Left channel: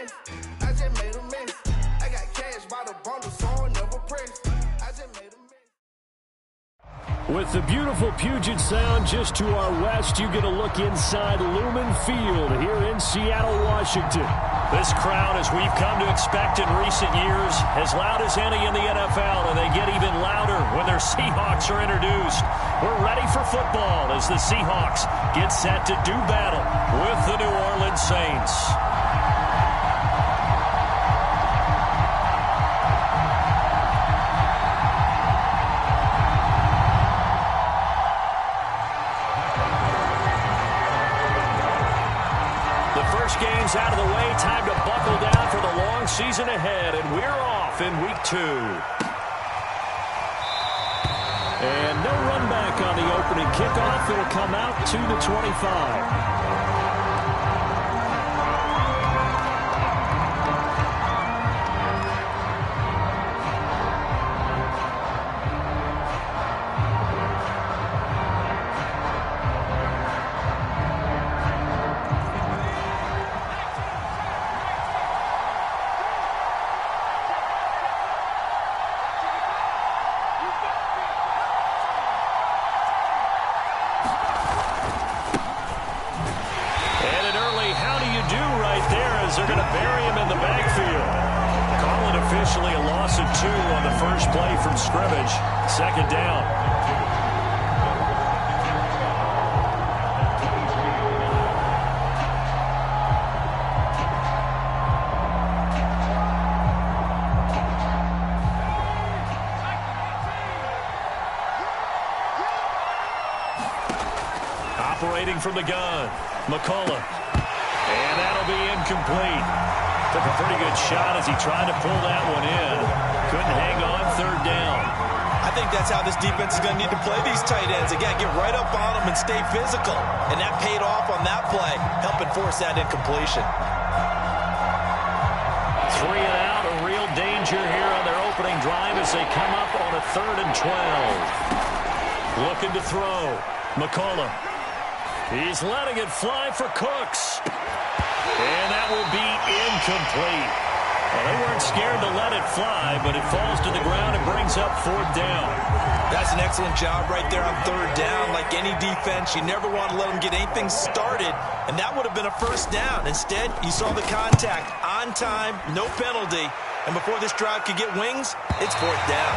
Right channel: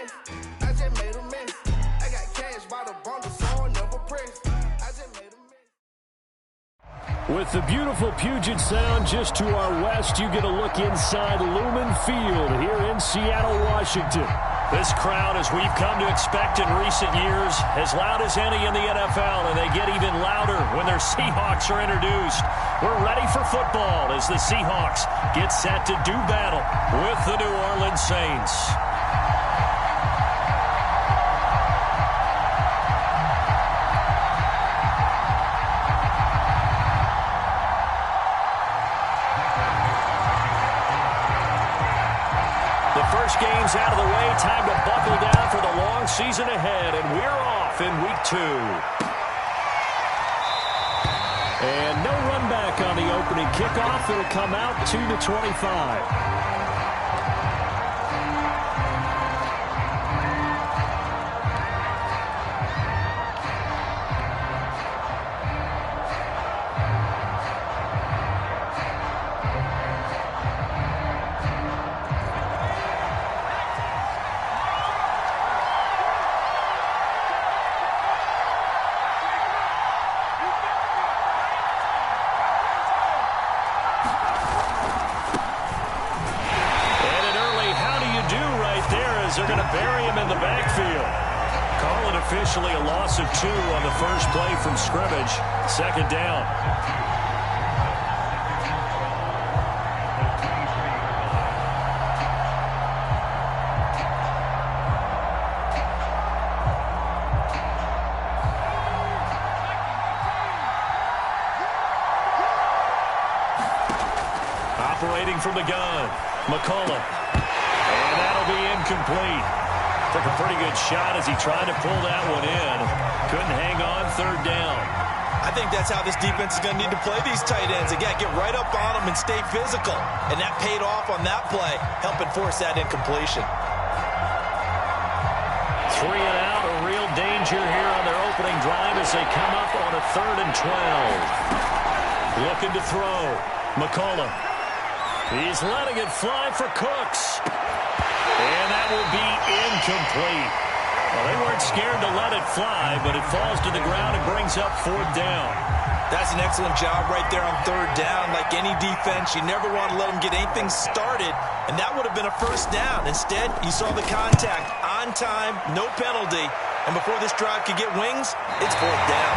mess. I just made a mess. I got cash by the bundle, so I never press. I just made a mess. With the beautiful Puget Sound just to our west, you get a look inside Lumen Field here in Seattle, Washington. This crowd, as we've come to expect in recent years, as loud as any in the NFL, and they get even louder when their Seahawks are introduced. We're ready for football as the Seahawks get set to do battle with the New Orleans Saints. The first game's out of the way. Time to buckle down for the long season ahead, and we're off in week 2. And no run back on the opening kickoff. It'll come out to the 25. They're going to bury him in the backfield. Call it officially a loss of 2 on the first play from scrimmage. Second down. Operating from the gun, McCullough. And that'll be incomplete. Took a pretty good shot as he tried to pull that one in. Couldn't hang on. Third down. I think that's how this defense is going to need to play these tight ends. Again, get right up on them and stay physical. And that paid off on that play, helping force that incompletion. 3 and out. A real danger here on their opening drive as they come up on a 3rd and 12. Looking to throw. McCullough. He's letting it fly for Cooks. And that will be incomplete. Well, they weren't scared to let it fly, but it falls to the ground and brings up 4th down. That's an excellent job right there on 3rd down. Like any defense, you never want to let them get anything started, and that would have been a 1st down. Instead, you saw the contact on time, no penalty, and before this drive could get wings, it's 4th down.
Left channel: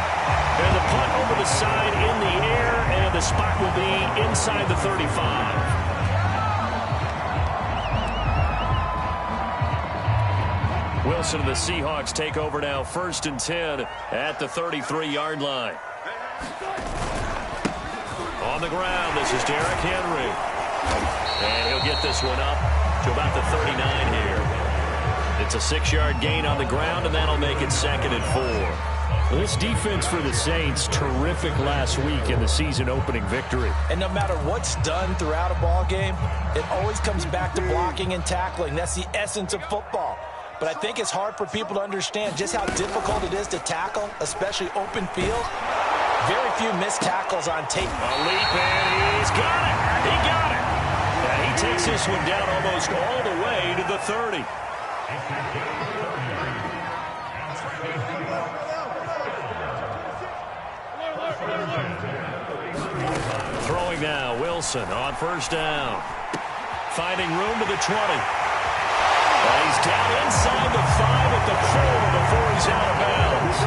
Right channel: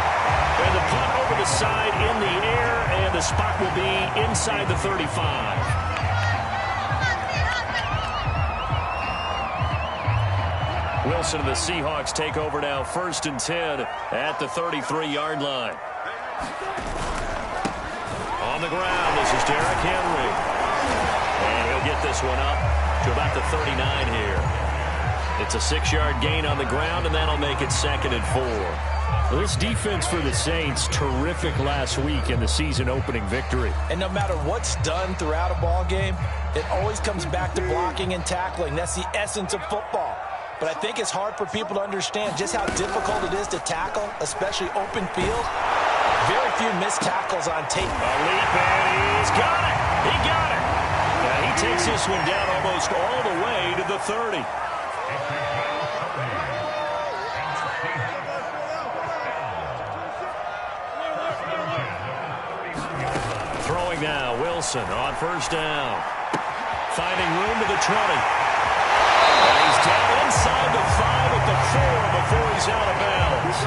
And the punt over the side in the air, and the spot will be inside the 35. Wilson and the Seahawks take over now, 1st and 10 at the 33-yard line. On the ground, this is Derrick Henry. And he'll get this one up to about the 39 here. It's a 6-yard gain on the ground, and that'll make it 2nd and 4. Well, this defense for the Saints, terrific last week in the season-opening victory. And no matter what's done throughout a ball game, it always comes back to blocking and tackling. That's the essence of football. But I think it's hard for people to understand just how difficult it is to tackle, especially open field. Very few missed tackles on tape. A leap, and he's got it. He got it. And he takes this one down almost all the way to the 30. Throwing now, Wilson on 1st down. Finding room to the 20. And he's down inside the 5 at the 4 before he's out of bounds.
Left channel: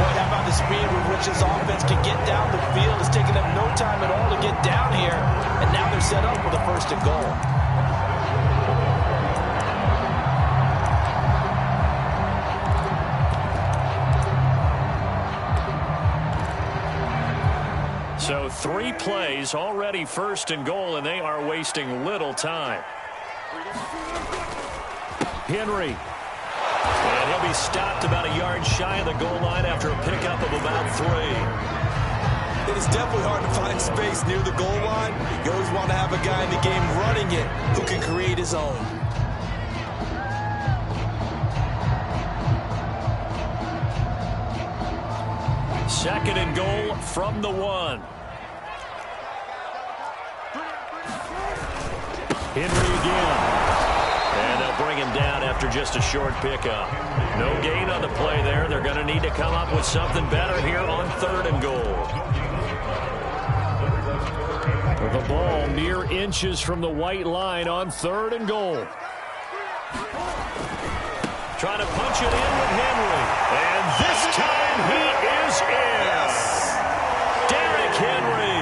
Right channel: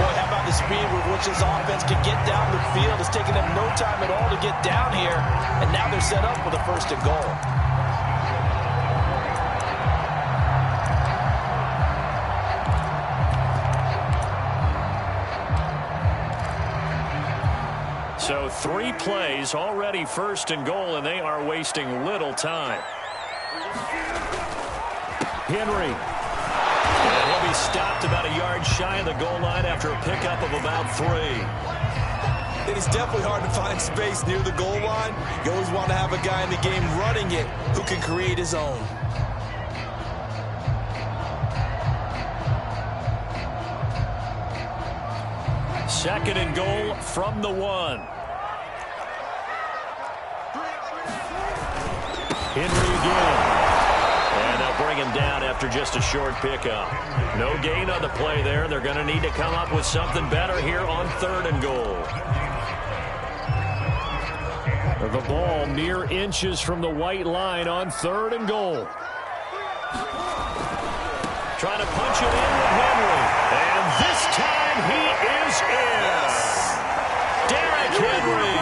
Boy, how about the speed with which this offense can get down the field? It's taken them no time at all to get down here. And now they're set up with a 1st and goal. So 3 plays, already 1st and goal, and they are wasting little time. Henry. And he'll be stopped about a yard shy of the goal line after a pickup of about 3. It is definitely hard to find space near the goal line. You always want to have a guy in the game running it who can create his own. Second and goal from the 1. Henry again. And they'll bring him down after just a short pickup. No gain on the play there. They're going to need to come up with something better here on 3rd and goal. The ball mere inches from the white line on 3rd and goal. Trying to punch it in with Henry. And this time he is in. Yes. Derrick Henry,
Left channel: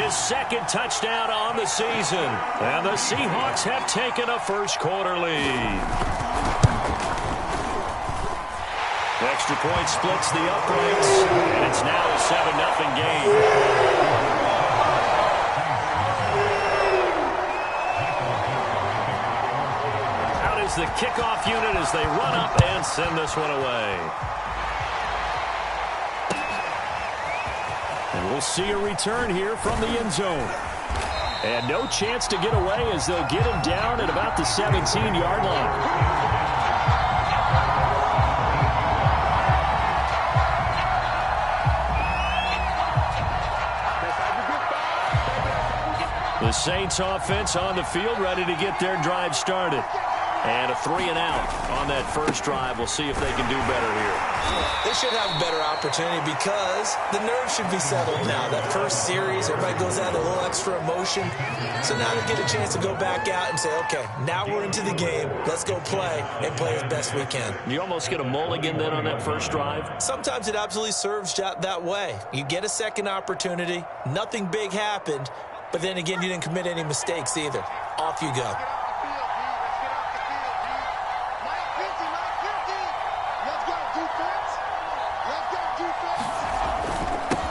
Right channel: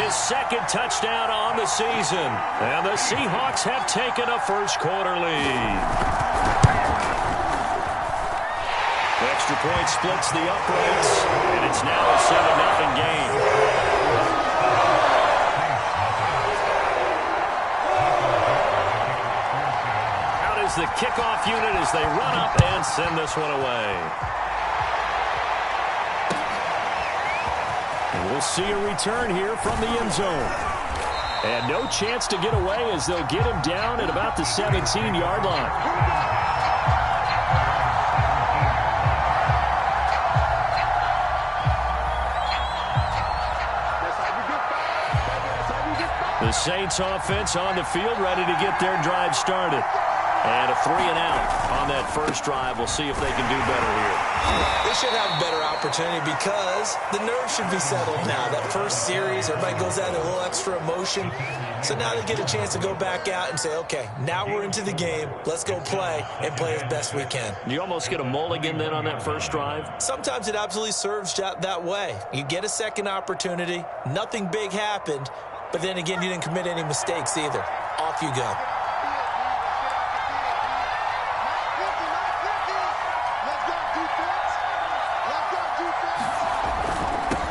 his 2nd touchdown on the season. And the Seahawks have taken a first-quarter lead. The extra point splits the uprights, and it's now a 7-0 game. The kickoff unit as they run up and send this one away. And we'll see a return here from the end zone. And no chance to get away as they'll get him down at about the 17-yard line. The Saints offense on the field ready to get their drive started. And a 3-and-out on that first drive. We'll see if they can do better here. They should have a better opportunity because the nerves should be settled now. That first series, everybody goes out with a little extra emotion. So now they get a chance to go back out and say, okay, now we're into the game. Let's go play and play as best we can. You almost get a mulligan then on that first drive? Sometimes it absolutely serves that way. You get a second opportunity. Nothing big happened. But then again, you didn't commit any mistakes either. Off you go.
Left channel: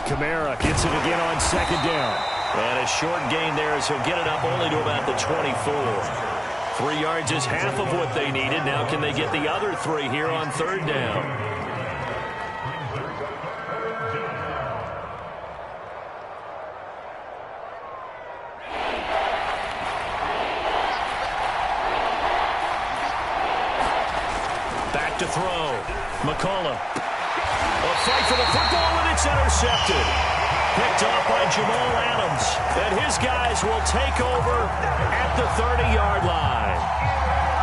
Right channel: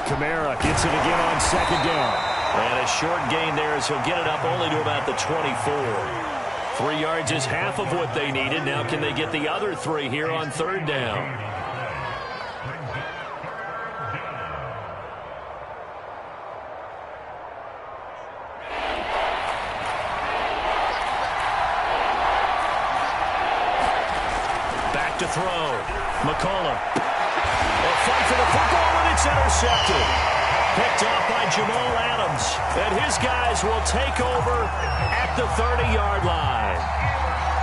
Kamara gets it again on 2nd down. And a short gain there as he'll get it up only to about the 24. 3 yards is half of what they needed. Now can they get the other 3 here on 3rd down? Back to throw. McCollum. A fight for the football, and it's intercepted. Picked off by Jamal Adams. And his guys will take over at the 30-yard line.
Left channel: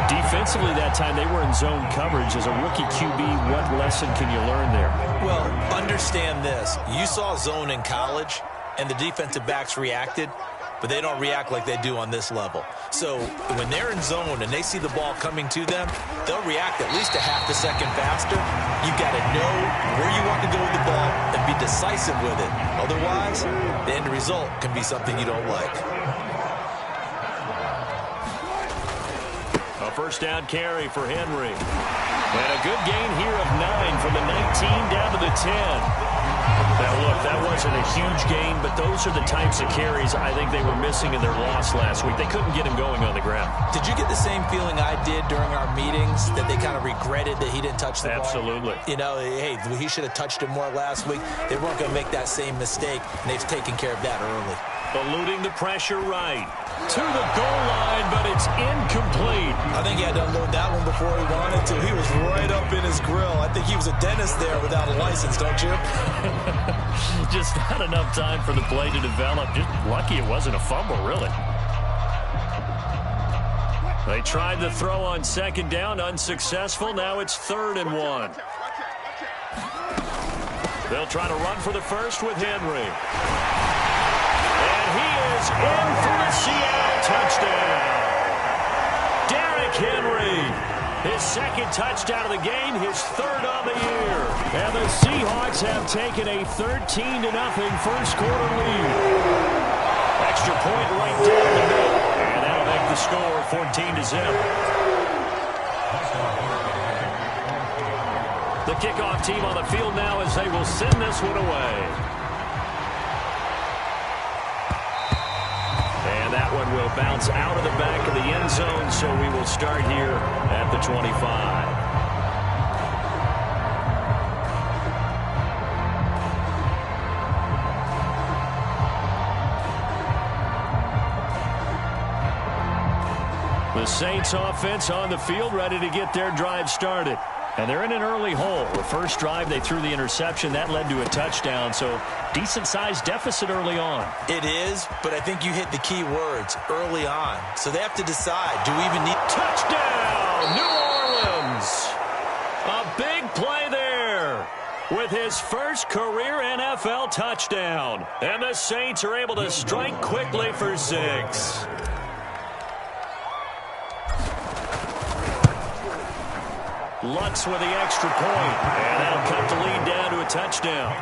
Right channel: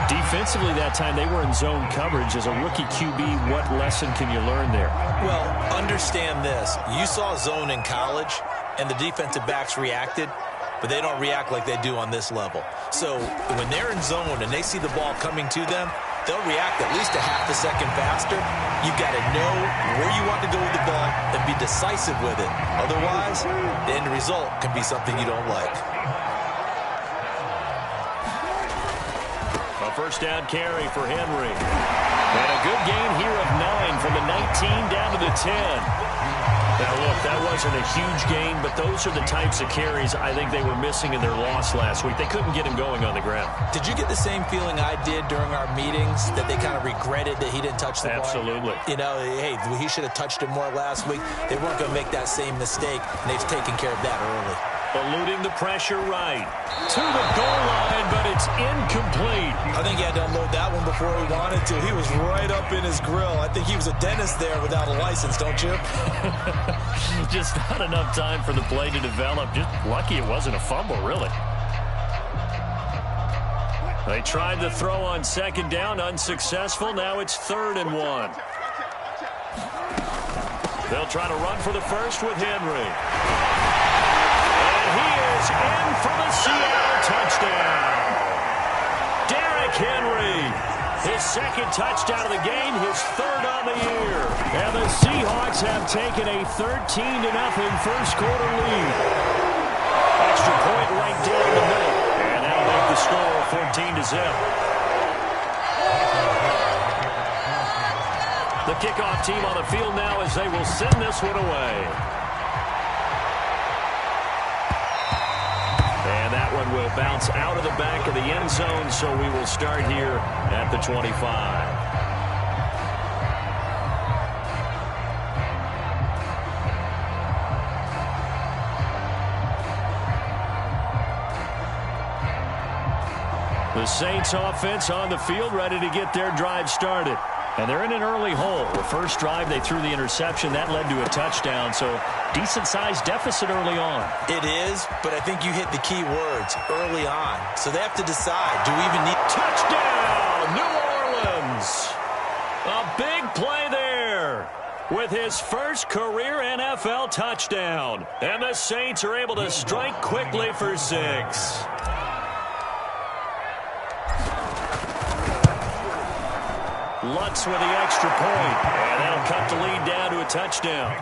Defensively that time, they were in zone coverage. As a rookie QB, what lesson can you learn there? Well, understand this. You saw zone in college, and the defensive backs reacted, but they don't react like they do on this level. So when they're in zone and they see the ball coming to them, they'll react at least a half a second faster. You've got to know where you want to go with the ball and be decisive with it. Otherwise, the end result can be something you don't like. A first down carry for Henry. And a good gain here of 9 from the 19 down to the 10. Now, look, that wasn't a huge gain, but those are the types of carries I think they were missing in their loss last week. They couldn't get him going on the ground. Did you get the same feeling I did during our meetings, that they kind of regretted that he didn't touch the ball? Absolutely. You know, hey, he should have touched it more last week. They weren't going to make that same mistake, and they've taken care of that early. Eluding the pressure right to the goal line, but it's incomplete. I think he had to unload that one before he wanted to. He was right up in his grill. I think he was a dentist there without a license, don't you? Just not enough time for the play to develop. Just lucky it wasn't a fumble, really. They tried the throw on 2nd down, unsuccessful. Now it's 3rd and 1. They'll try to run for the first with Henry. He is in for the Seattle touchdown. Derrick Henry, his 2nd touchdown of the game, his 3rd on the year. And the Seahawks have taken a 13-0 first-quarter lead. Extra point right down the middle. And that'll make the score 14-0. The kickoff team on the field now as they will send this one away. And that one will bounce out of the back of the end zone, so we will start here at the 25. The Saints offense on the field ready to get their drive started. And they're in an early hole. The first drive, they threw the interception. That led to a touchdown, so decent-sized deficit early on. It is, but I think you hit the key words, early on. So they have to decide, do we even need... Touchdown! touchdown, New Orleans. A big play there with his first career NFL touchdown. And the Saints are able to strike quickly for 6. Lutz with the extra point, and that'll cut the lead down to a touchdown.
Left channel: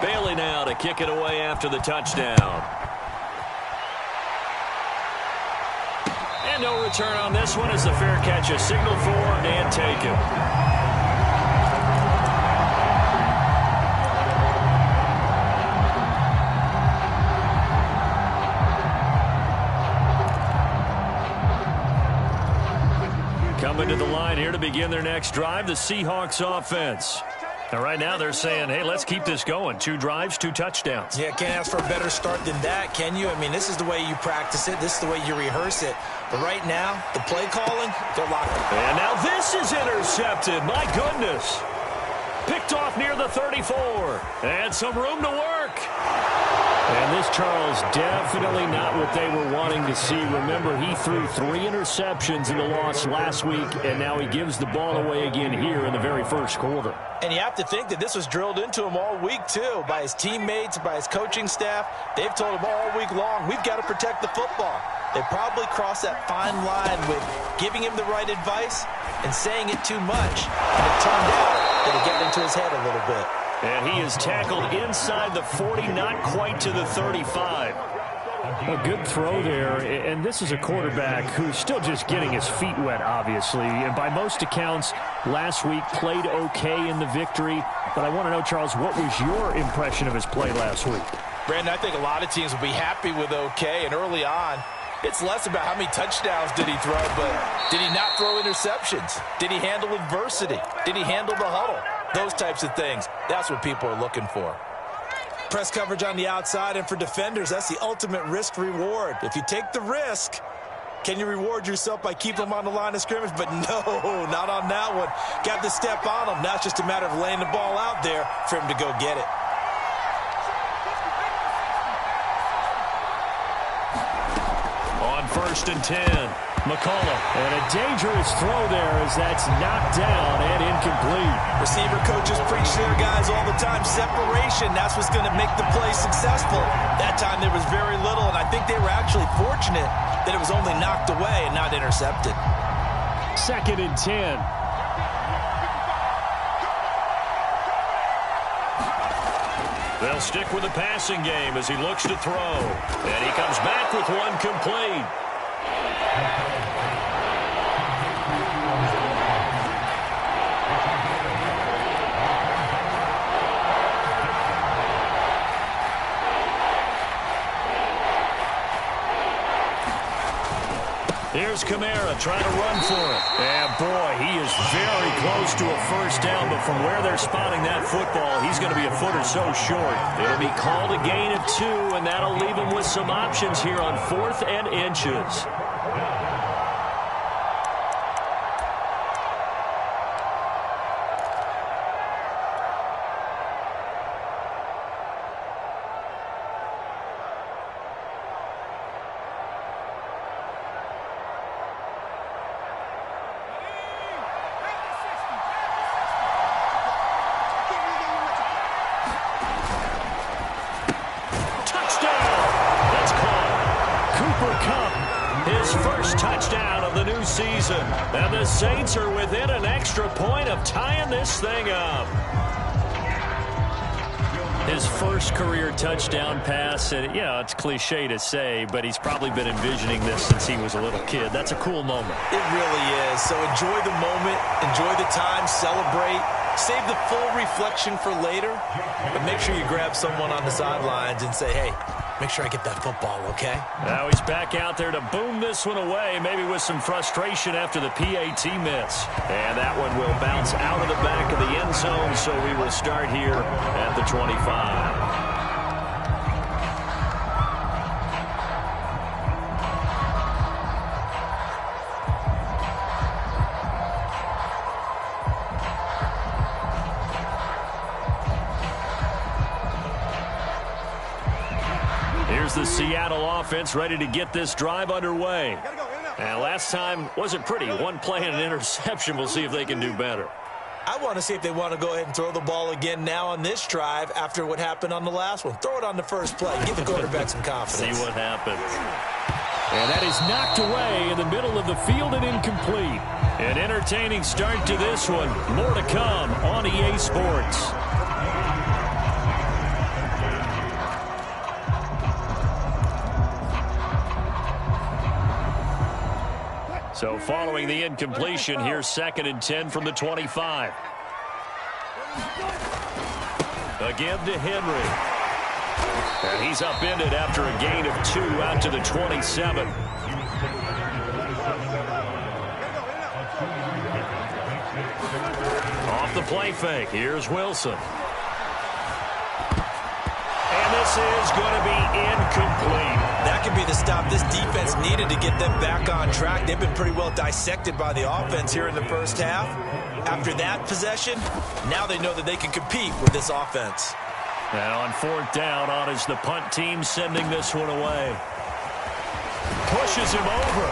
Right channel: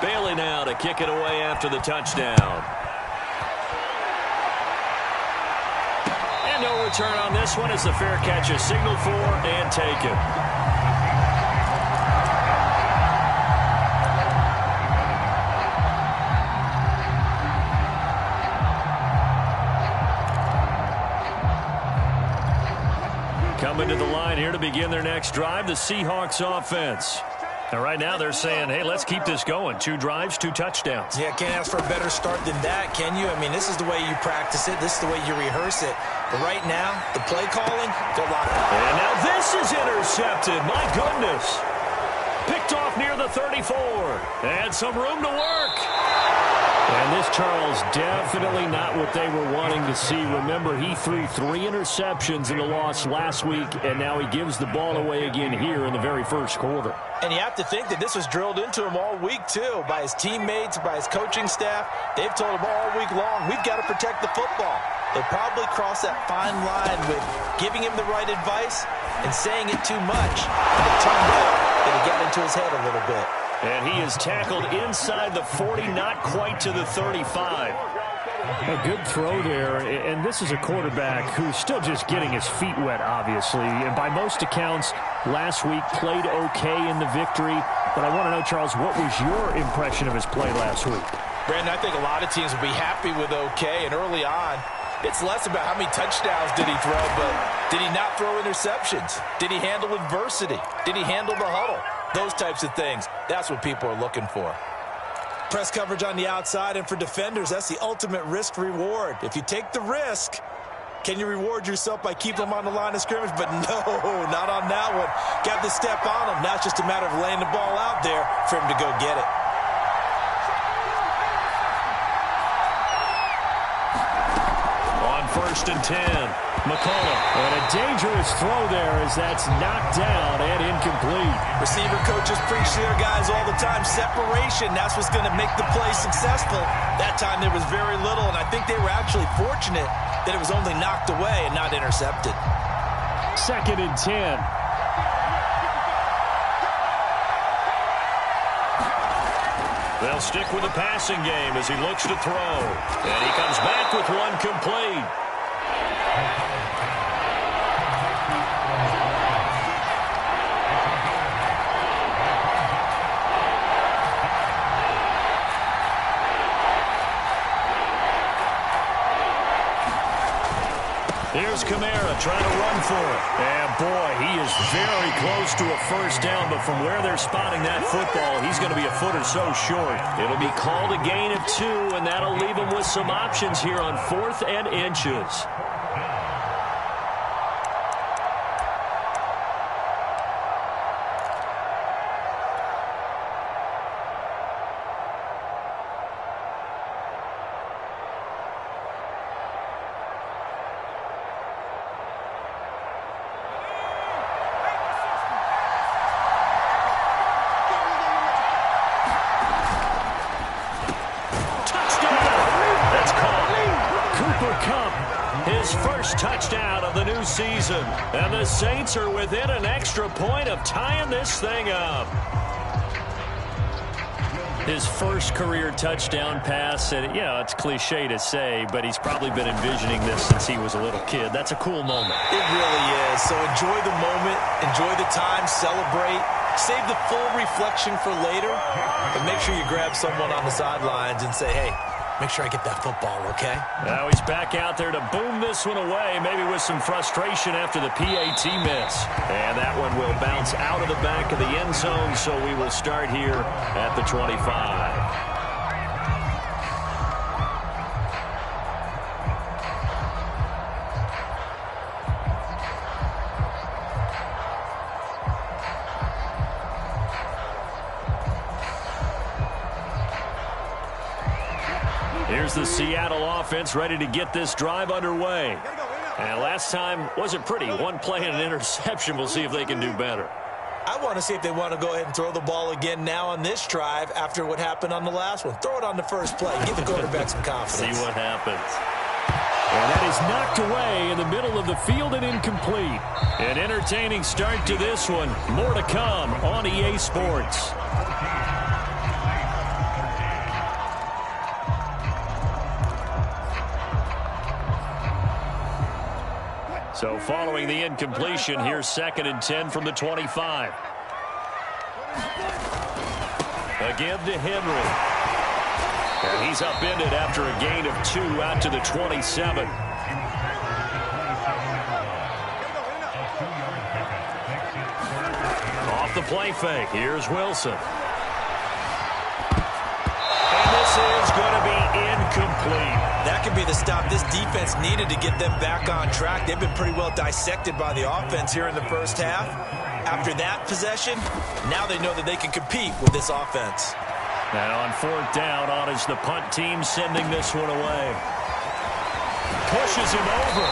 Bailey now to kick it away after the touchdown. And no return on this one as the fair catch is signaled for and taken. Coming to the line here to begin their next drive, the Seahawks offense. And right now they're saying, hey, let's keep this going. 2 drives, 2 touchdowns. Yeah, can't ask for a better start than that, can you? I mean, this is the way you practice it. This is the way you rehearse it. But right now, the play calling, they're locked. And now this is intercepted. My goodness. Picked off near the 34. And some room to work. And this, Charles, definitely not what they were wanting to see. Remember, he threw 3 interceptions in the loss last week, and now he gives the ball away again here in the very first quarter. And you have to think that this was drilled into him all week, too, by his teammates, by his coaching staff. They've told him all week long, we've got to protect the football. They probably crossed that fine line with giving him the right advice and saying it too much. And it turned out that it got into his head a little bit. And he is tackled inside the 40, not quite to the 35. A good throw there, and this is a quarterback who's still just getting his feet wet, obviously. And by most accounts, last week played okay in the victory. But I want to know, Charles, what was your impression of his play last week? Brandon, I think a lot of teams will be happy with okay, and early on, it's less about how many touchdowns did he throw, but did he not throw interceptions? Did he handle adversity? Did he handle the huddle? Those types of things, that's what people are looking for. Press coverage on the outside, and for defenders, that's the ultimate risk-reward. If you take the risk, can you reward yourself by keeping them on the line of scrimmage? But no, not on that one. Got to step on them. Now it's just a matter of laying the ball out there for him to go get it. On 1st and 10. McCullough. And a dangerous throw there as that's knocked down and incomplete. Receiver coaches preach to their guys all the time. Separation, that's what's going to make the play successful. That time there was very little, and I think they were actually fortunate that it was only knocked away and not intercepted. 2nd and 10. They'll stick with the passing game as he looks to throw. And he comes back with one complete. Here's Kamara trying to run for it. And, boy, he is very close to a first down, but from where they're spotting that football, he's going to be a foot or so short. It'll be called a gain of 2, and that'll leave him with some options here on 4th and inches. His first touchdown of the new season. And the Saints are within an extra point of tying this thing up. His first career touchdown pass, and it's cliche to say, but he's probably been envisioning this since he was a little kid. That's a cool moment. It really is. So enjoy the moment, enjoy the time, celebrate. Save the full reflection for later, but make sure you grab someone on the sidelines and say, hey, make sure I get that football, okay? Now he's back out there to boom this one away, maybe with some frustration after the PAT miss. And that one will bounce out of the back of the end zone, so we will start here at the 25. Here's the Seattle offense ready to get this drive underway. And last time wasn't pretty. One play and an interception. We'll see if they can do better. I want to see if they want to go ahead and throw the ball again now on this drive after what happened on the last one. Throw it on the first play. Give the quarterback some confidence. See what happens. And that is knocked away in the middle of the field and incomplete. An entertaining start to this one. More to come on EA Sports. So following the incompletion, here's 2nd and 10 from the 25. Again to Henry. And he's upended after a gain of 2 out to the 27. Off the play fake. Here's Wilson. And this is going to be incomplete. That could be the stop this defense needed to get them back on track. They've been pretty well dissected by the offense here in the first half. After that possession, now they know that they can compete with this offense. And on 4th down, on is the punt team sending this one away. Pushes him over.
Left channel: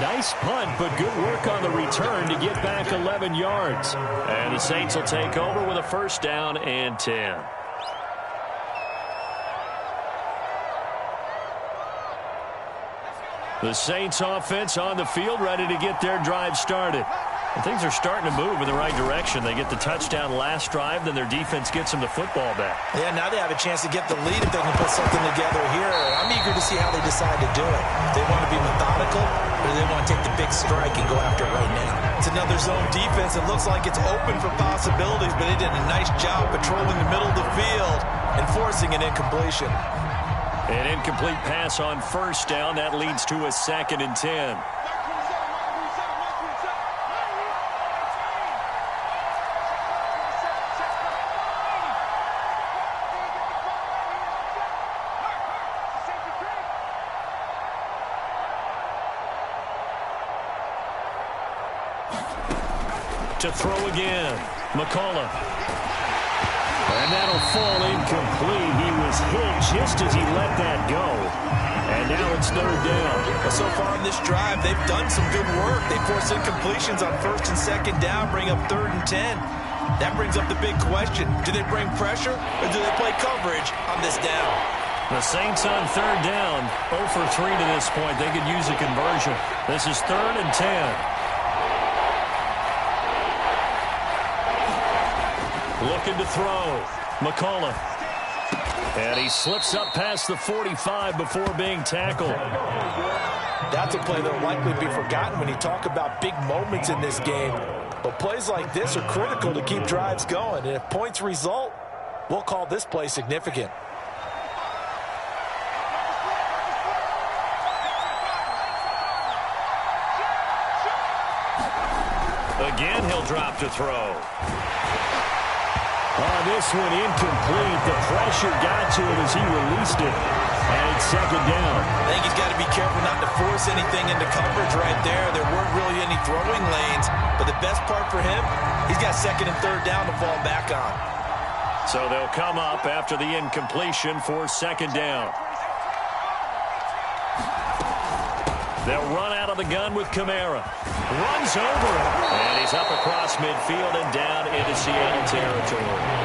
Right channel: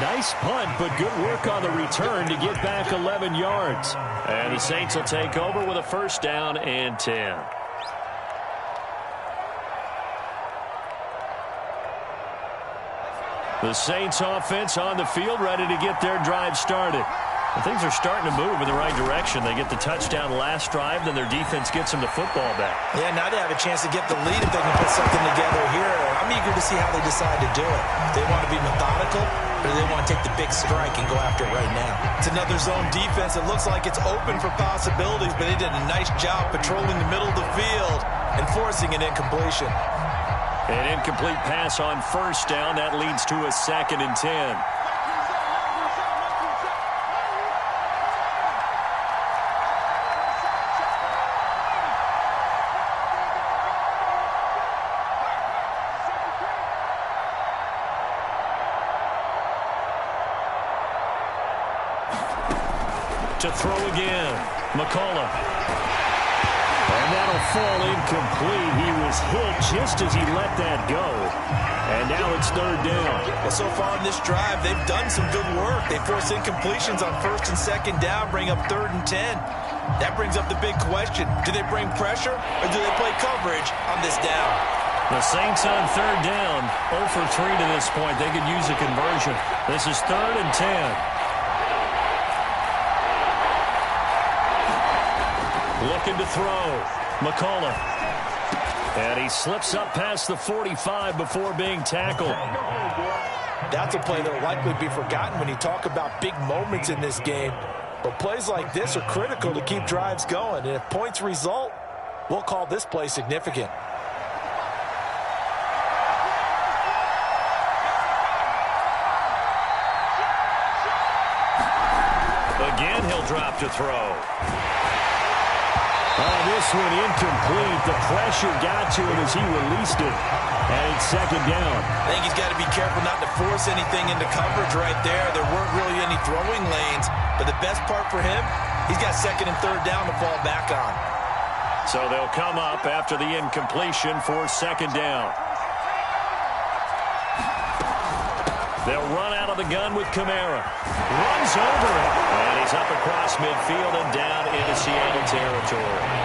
Nice punt, but good work on the return to get back 11 yards. And the Saints will take over with a 1st down and 10. The Saints offense on the field, ready to get their drive started. And things are starting to move in the right direction. They get the touchdown last drive, then their defense gets them the football back. Yeah, now they have a chance to get the lead if they can put something together here. I'm eager to see how they decide to do it. They want to be methodical, or they want to take the big strike and go after it right now. It's another zone defense. It looks like it's open for possibilities, but they did a nice job patrolling the middle of the field and forcing an incompletion. An incomplete pass on 1st down. That leads to a 2nd and 10. To throw again. McCullough. And that'll fall incomplete. He was hit just as he let that go. And now it's 3rd down. Well, so far in this drive, they've done some good work. They force incompletions on 1st and 2nd down, bring up 3rd and 10. That brings up the big question. Do they bring pressure or do they play coverage on this down? The Saints on 3rd down. 0 for 3 to this point. They could use a conversion. This is 3rd and 10. Looking to throw. McCullough. And he slips up past the 45 before being tackled. That's a play that will likely be forgotten when you talk about big moments in this game. But plays like this are critical to keep drives going. And if points result, we'll call this play significant. Again, he'll drop to throw. This one incomplete. The pressure got to him as he released it. And it's 2nd down. I think he's got to be careful not to force anything into coverage right there. There weren't really any throwing lanes. But the best part for him, he's got 2nd and 3rd down to fall back on. So they'll come up after the incompletion for 2nd down. They'll run out of the gun with Kamara. Runs over it. And he's up across midfield and down into Seattle territory.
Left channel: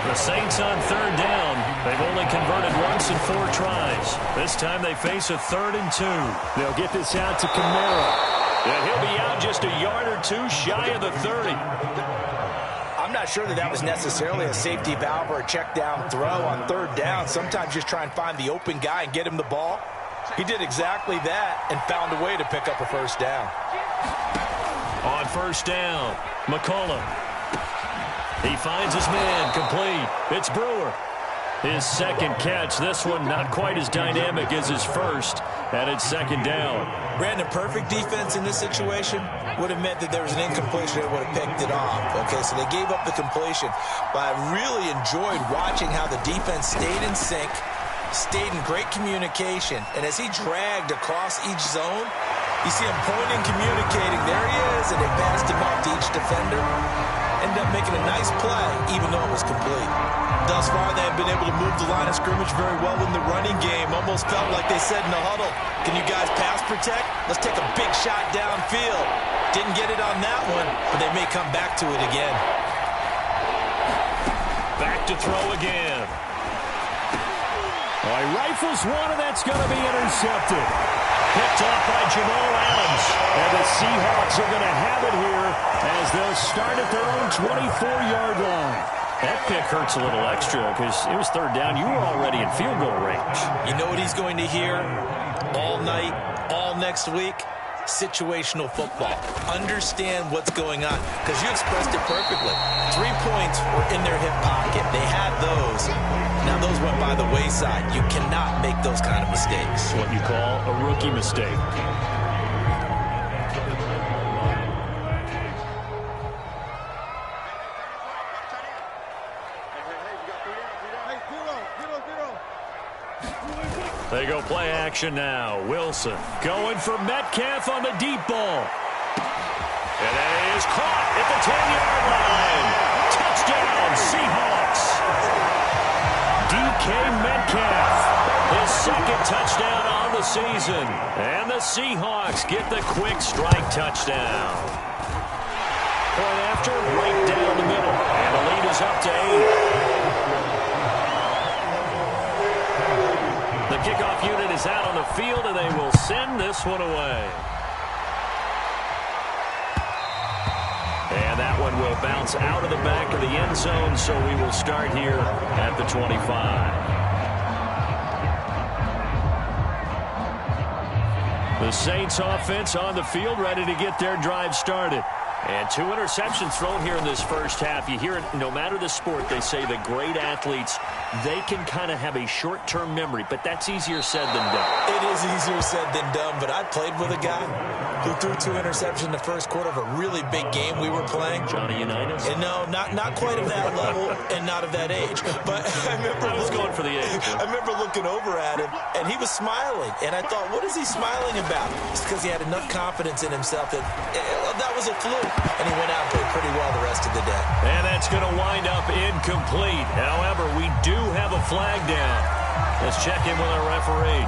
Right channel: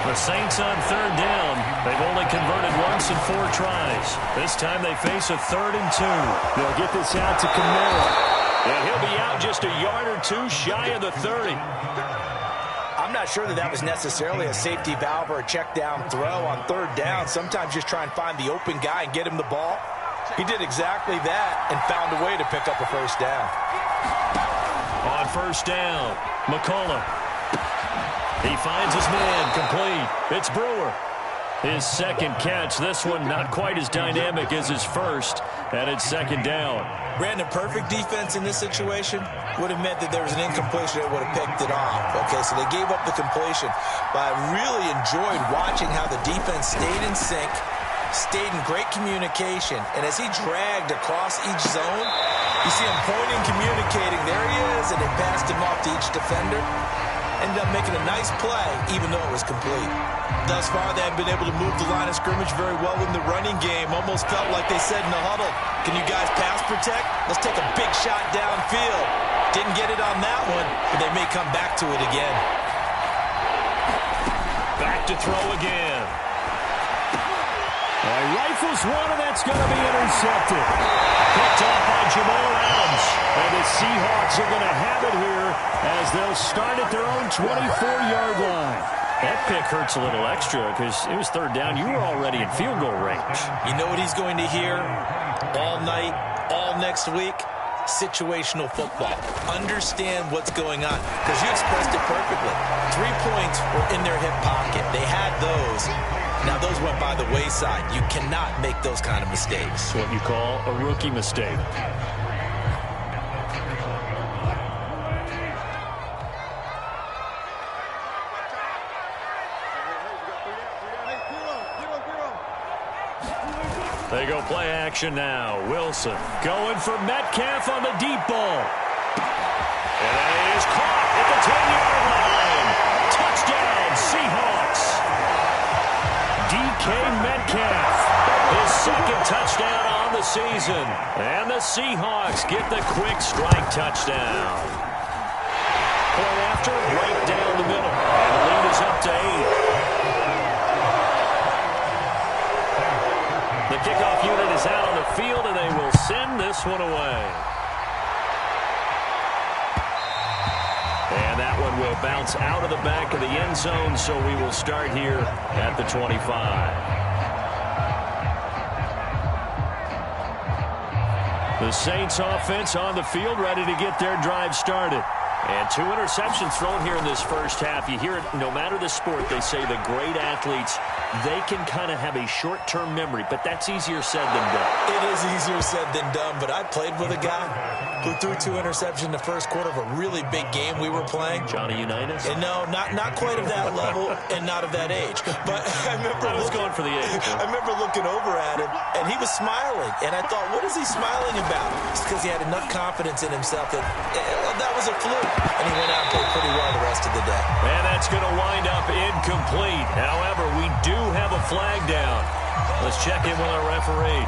The Saints on 3rd down. They've only converted once in 4 tries. This time they face a 3rd and 2. They'll get this out to Kamara. And he'll be out just a yard or 2 shy of the 30. I'm not sure that was necessarily a safety valve or a check down throw on 3rd down. Sometimes just try and find the open guy and get him the ball. He did exactly that and found a way to pick up a 1st down. On 1st down, McCullough. He finds his man, complete. It's Brewer. His 2nd catch. This one not quite as dynamic as his first, and it's 2nd down. Brandon, perfect defense in this situation would have meant that there was an incompletion that would have picked it off. Okay, so they gave up the completion. But I really enjoyed watching how the defense stayed in sync, stayed in great communication, and as he dragged across each zone, you see him pointing, communicating. There he is, and they passed him off to each defender. ended up making a nice play, even though it was complete. Thus far, they have been able to move the line of scrimmage very well in the running game. Almost felt like they said in the huddle, can you guys pass protect? Let's take a big shot downfield. Didn't get it on that one, but they may come back to it again. Back to throw again. Well, he rifles one, and that's going to be intercepted. Picked off by Jamal Adams. And the Seahawks are going to have it here as they'll start at their own 24-yard line. That pick hurts a little extra because it was third down. You were already in field goal range. You know what he's going to hear all night, all next week? Situational football. Understand what's going on, because you expressed it perfectly. 3 points were in their hip pocket. They had those. Now those went by the wayside. You cannot make those kind of mistakes. It's what you call a rookie mistake. They go play action now. Wilson going for Metcalf on the deep ball. And that is caught at the 10-yard line. Touchdown, Seahawks. DK Metcalf, his second touchdown on the season. And the Seahawks get the quick strike touchdown. Point after, right down the middle. And the lead is up to 8. The kickoff unit is out on the field, and they will send this one away. And that one will bounce out of the back of the end zone, so we will start here at the 25. The Saints offense on the field, ready to get their drive started. And 2 interceptions thrown here in this first half. You hear it, no matter the sport, they say the great athletes, they can kind of have a short-term memory, but that's easier said than done. It is easier said than done, but I played with a guy who threw 2 interceptions in the first quarter of a really big game we were playing. Johnny Unitas? And no, not quite of that level and not of that age. But I was going for the age. I remember looking over at him, and he was smiling. And I thought, what is he smiling about? It's because he had enough confidence in himself that that was a fluke. And he went out and played pretty well the rest of the day. And that's going to wind up incomplete. However, we do have a flag down. Let's check in with our referee.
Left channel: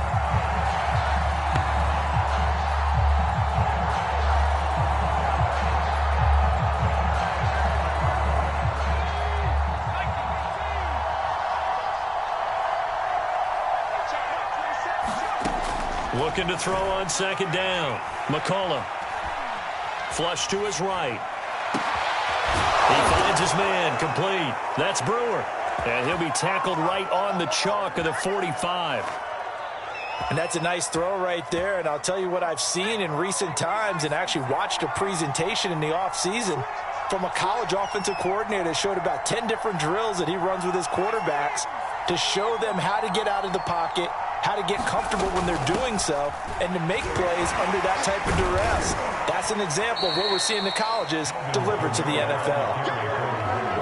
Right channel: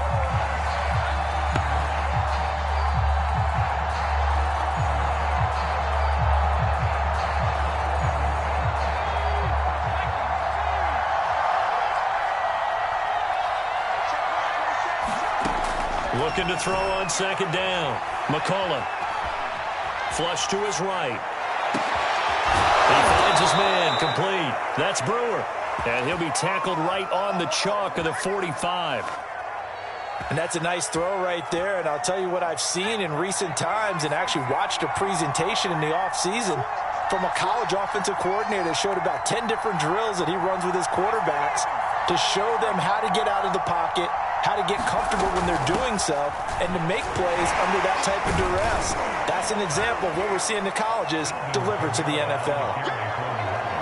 Looking to throw on second down. McCullough. Flush to his right. He finds his man, complete. That's Brewer. And he'll be tackled right on the chalk of the 45. And that's a nice throw right there. And I'll tell you what I've seen in recent times and actually watched a presentation in the offseason from a college offensive coordinator that showed about 10 different drills that he runs with his quarterbacks to show them how to get out of the pocket, how to get comfortable when they're doing so, and to make plays under that type of duress. That's an example of what we're seeing the colleges deliver to the NFL.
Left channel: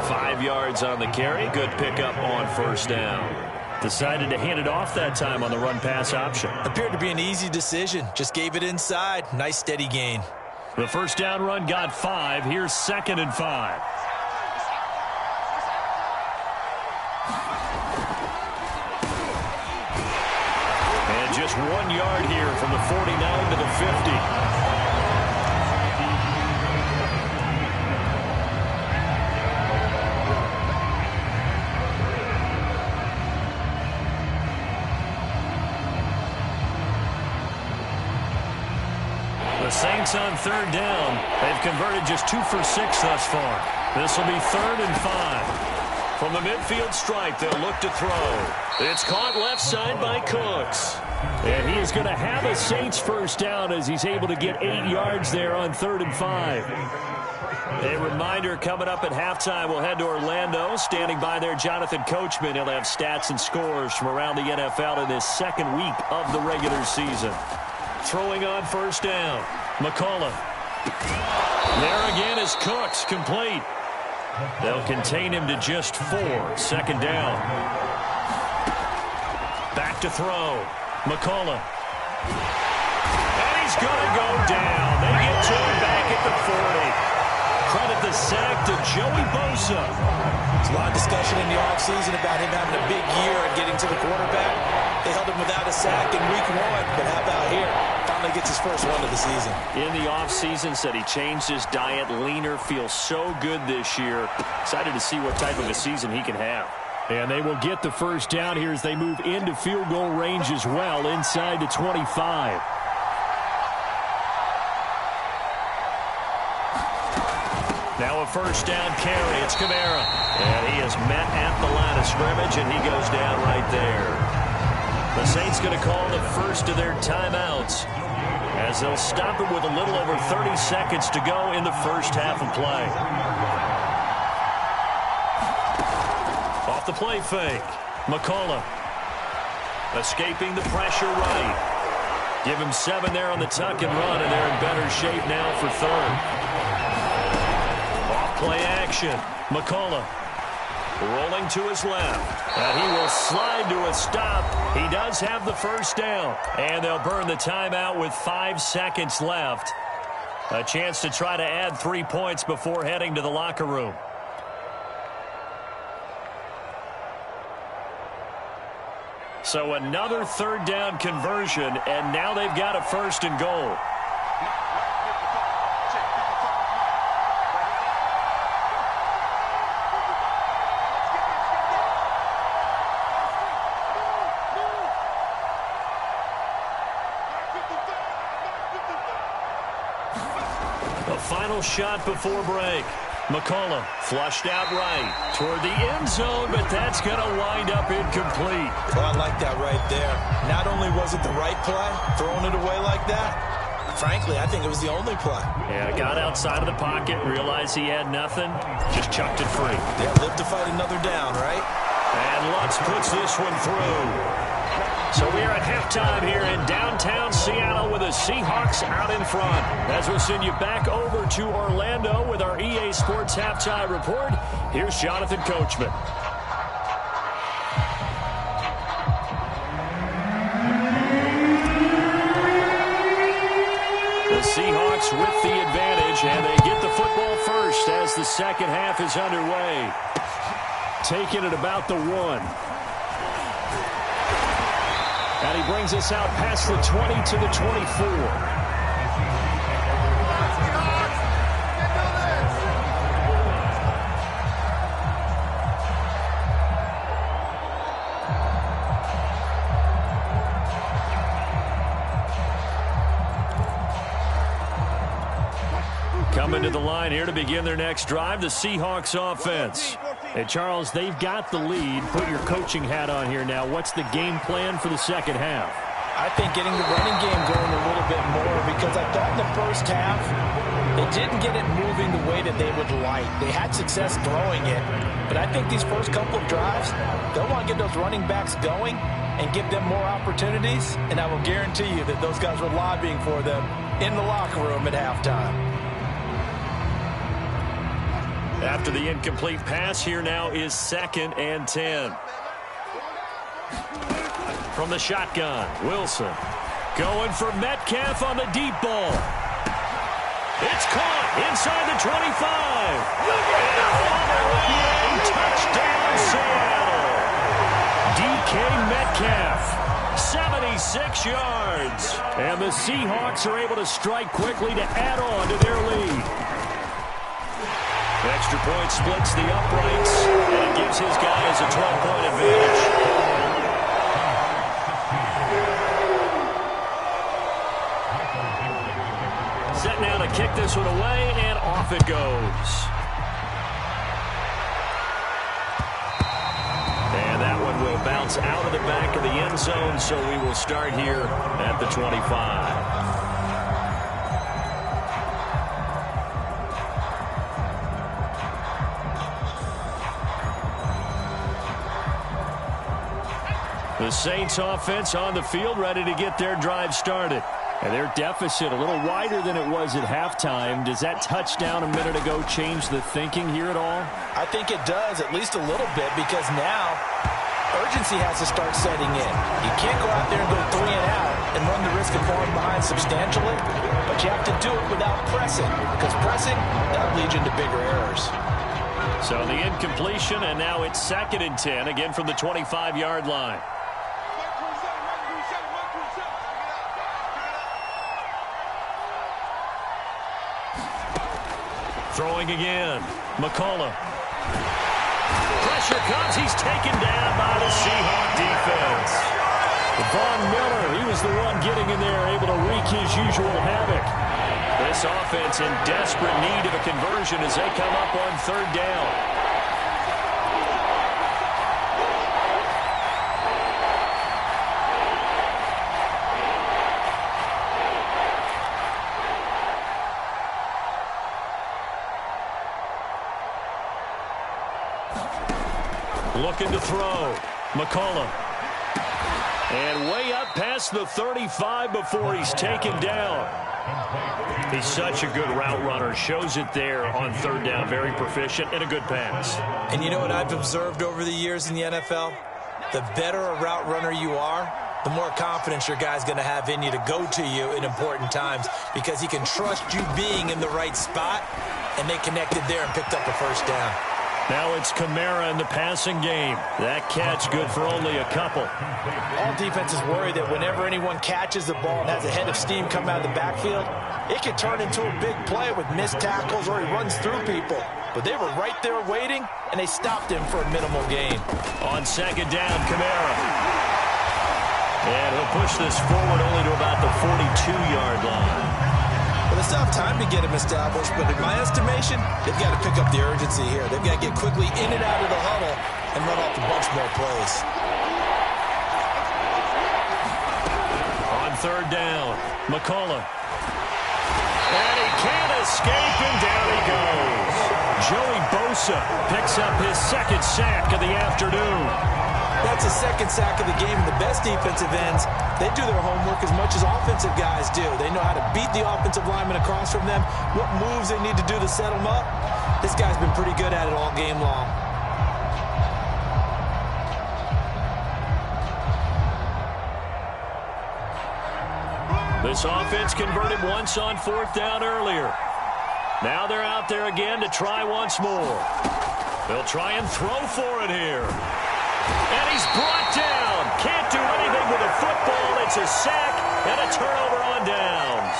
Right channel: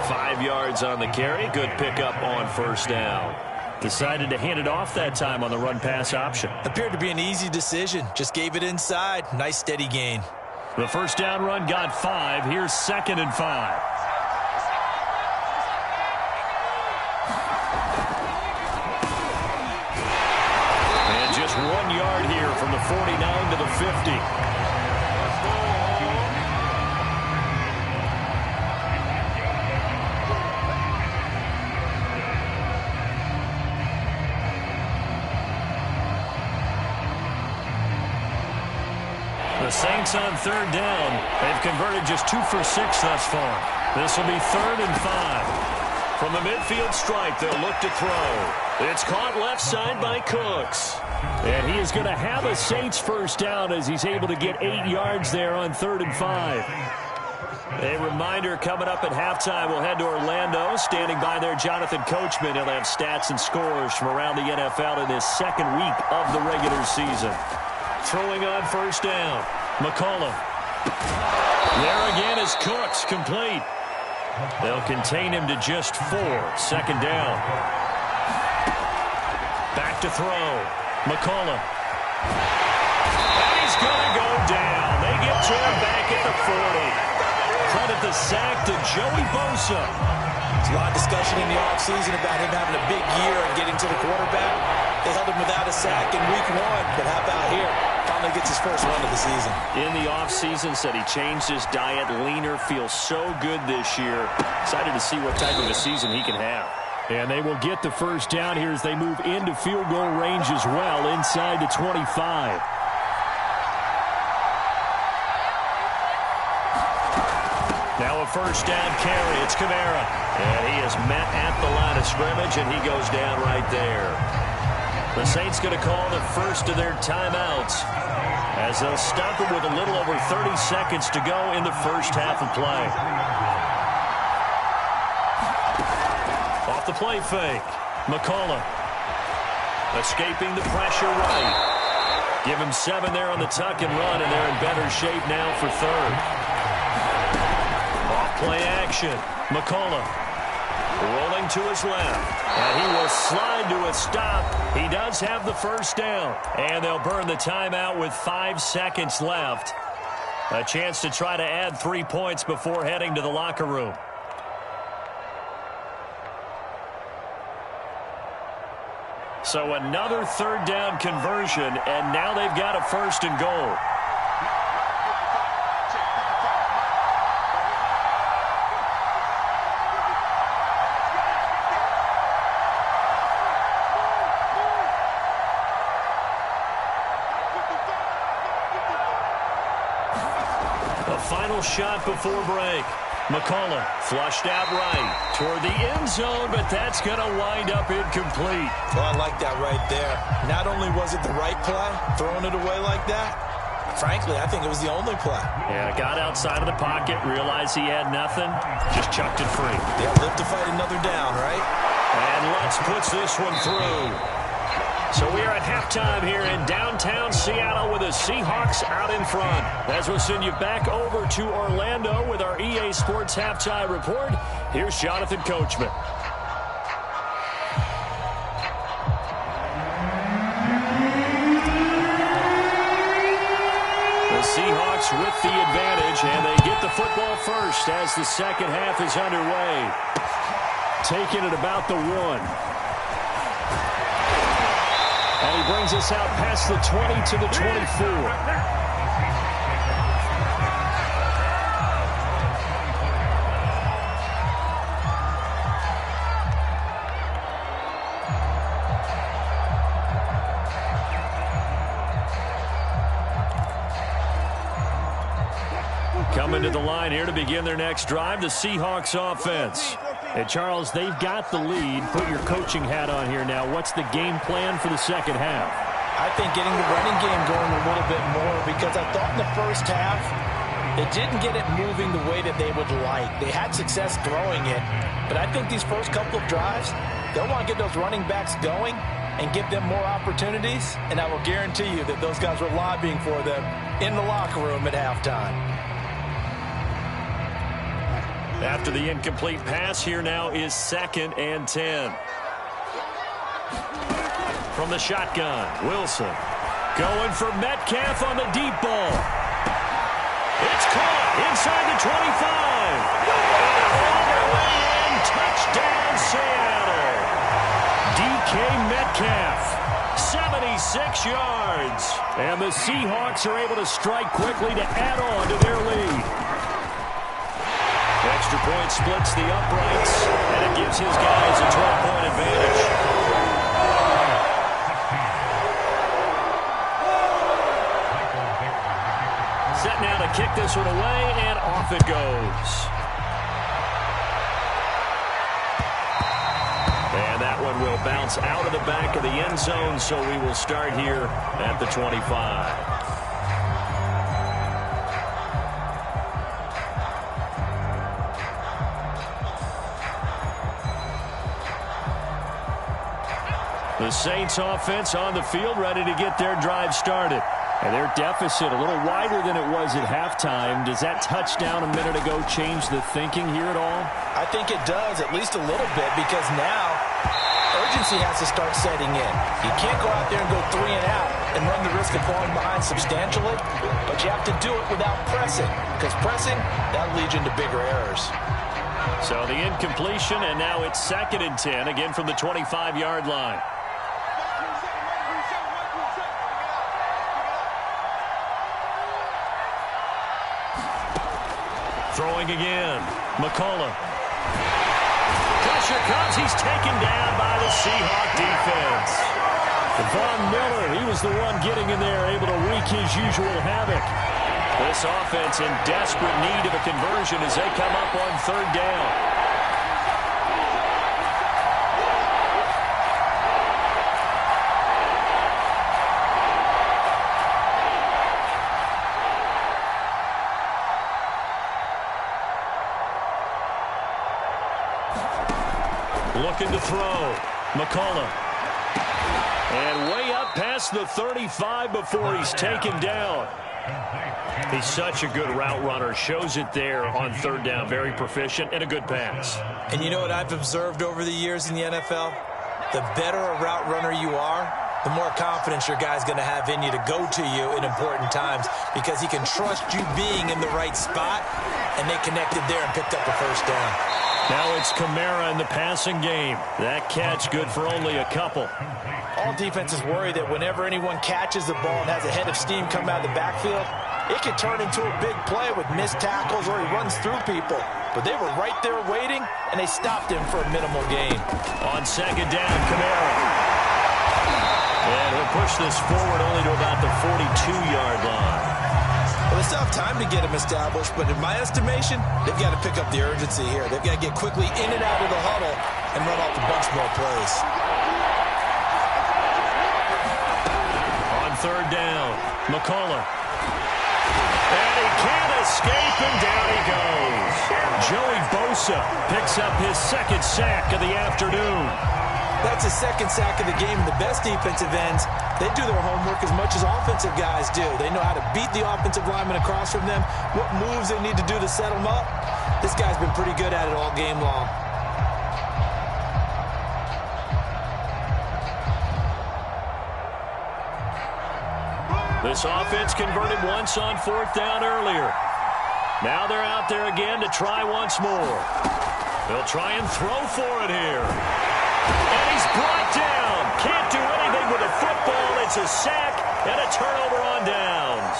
5 yards on the carry. Good pickup on first down. Decided to hand it off that time on the run-pass option. Appeared to be an easy decision. Just gave it inside. Nice steady gain. The first down run got 5. Here's 2nd and 5. And just 1 yard here from the 49 to the 50. The Saints on third down. They've converted just 2 for 6 thus far. This will be 3rd and 5. From the midfield stripe, they'll look to throw. It's caught left side by Cooks. And he is going to have a Saints first down as he's able to get 8 yards there on 3rd and 5. A reminder, coming up at halftime, we'll head to Orlando. Standing by there, Jonathan Coachman. He'll have stats and scores from around the NFL in this second week of the regular season. Throwing on first down, McCullough. There again is Cooks, complete. They'll contain him to just 4. 2nd down. Back to throw, McCullough. And he's going to go down. They get to him back at the 40. credit the sack to Joey Bosa. There's a lot of discussion in the offseason about him having a big year and getting to the quarterback. They held him without a sack in week 1, but how about here? Finally gets his first one of the season. In the offseason, said he changed his diet, leaner, feels so good this year. Excited to see what type of a season he can have. And they will get the first down here as they move into field goal range as well, inside the 25. Now a first down carry. It's Kamara. And he is met at the line of scrimmage, and he goes down right there. The Saints going to call the first of their timeouts as they'll stop it with a little over 30 seconds to go in the first half of play. Off the play fake. McCullough escaping the pressure right. Give him 7 there on the tuck and run, and they're in better shape now for third. Off play action. McCullough rolling to his left, and he will slide to a stop. He does have the first down, and they'll burn the timeout with 5 seconds left. A chance to try to add 3 points before heading to the locker room. So another third down conversion, and now they've got a first and goal. Final shot before break. McCullough flushed out right toward the end zone, but that's going to wind up incomplete. Oh, I like that right there. Not only was it the right play, throwing it away like that, frankly, I think it was the only play. Yeah, got outside of the pocket, realized he had nothing, just chucked it free. Yeah, live to fight another down, right? And Lutz puts this one through. So we are at halftime here in downtown Seattle with the Seahawks out in front. As we'll send you back over to Orlando with our EA Sports Halftime Report, here's Jonathan Coachman. The Seahawks with the advantage, and they get the football first as the second half is underway. Taking it about the 1. And he brings us out past the 20 to the 24. Coming to the line here to begin their next drive, the Seahawks offense. And Charles, they've got the lead. Put your coaching hat on here now. What's the game plan for the second half? I think getting the running game going a little bit more, because I thought in the first half they didn't get it moving the way that they would like. They had success throwing it, but I think these first couple of drives, they'll want to get those running backs going and give them more opportunities, and I will guarantee you that those guys were lobbying for them in the locker room at halftime. After the incomplete pass, here now is 2nd and 10. From the shotgun, Wilson going for Metcalf on the deep ball. It's caught inside the 25. And all the way in, touchdown Seattle. DK Metcalf, 76 yards. And the Seahawks are able to strike quickly to add on to their lead. Extra point splits the uprights, and it gives his guys a 12-point advantage. Set now to kick this one away, and off it goes. And that one will bounce out of the back of the end zone, so we will start here at the 25. The Saints offense on the field, ready to get their drive started. And their deficit a little wider than it was at halftime. Does that touchdown a minute ago change the thinking here at all? I think it does, at least a little bit, because now urgency has to start setting in. You can't go out there and go 3 and out and run the risk of falling behind substantially, but you have to do it without pressing, because pressing, that'll lead you into bigger errors. So the incompletion, and now it's 2nd and 10, again from the 25-yard line. Throwing again, McCullough. Pressure comes. He's taken down by the Seahawk defense. Von Miller, he was the one getting in there, able to wreak his usual havoc. This offense in desperate need of a conversion as they come up on 3rd down. Looking to throw. McCullough. And way up past the 35 before he's taken down. He's such a good route runner. Shows it there on 3rd down. Very proficient and a good pass. And you know what I've observed over the years in the NFL? The better a route runner you are, the more confidence your guy's going to have in you to go to you in important times, because he can trust you being in the right spot, and they connected there and picked up a 1st down. Now it's Kamara in the passing game. That catch good for only a couple. All defenses worry that whenever anyone catches the ball and has a head of steam come out of the backfield, it can turn into a big play with missed tackles or he runs through people. But they were right there waiting, and they stopped him for a minimal gain. On 2nd down, Kamara. And he'll push this forward only to about the 42-yard line. Well, they still have time to get him established, but in my estimation, they've got to pick up the urgency here. They've got to get quickly in and out of the huddle and run off a bunch more plays. On 3rd down, McCullough. And he can't escape, and down he goes. Joey Bosa picks up his 2nd sack of the afternoon. That's his 2nd sack of the game. And the best defensive ends, they do their homework as much as offensive guys do. They know how to beat the offensive lineman across from them, what moves they need to do to set them up. This guy's been pretty good at it all game long. This offense converted once on 4th down earlier. Now they're out there again to try once more. They'll try and throw for it here. And he's brought down. Can't do anything with a football. It's a sack and a turnover on downs.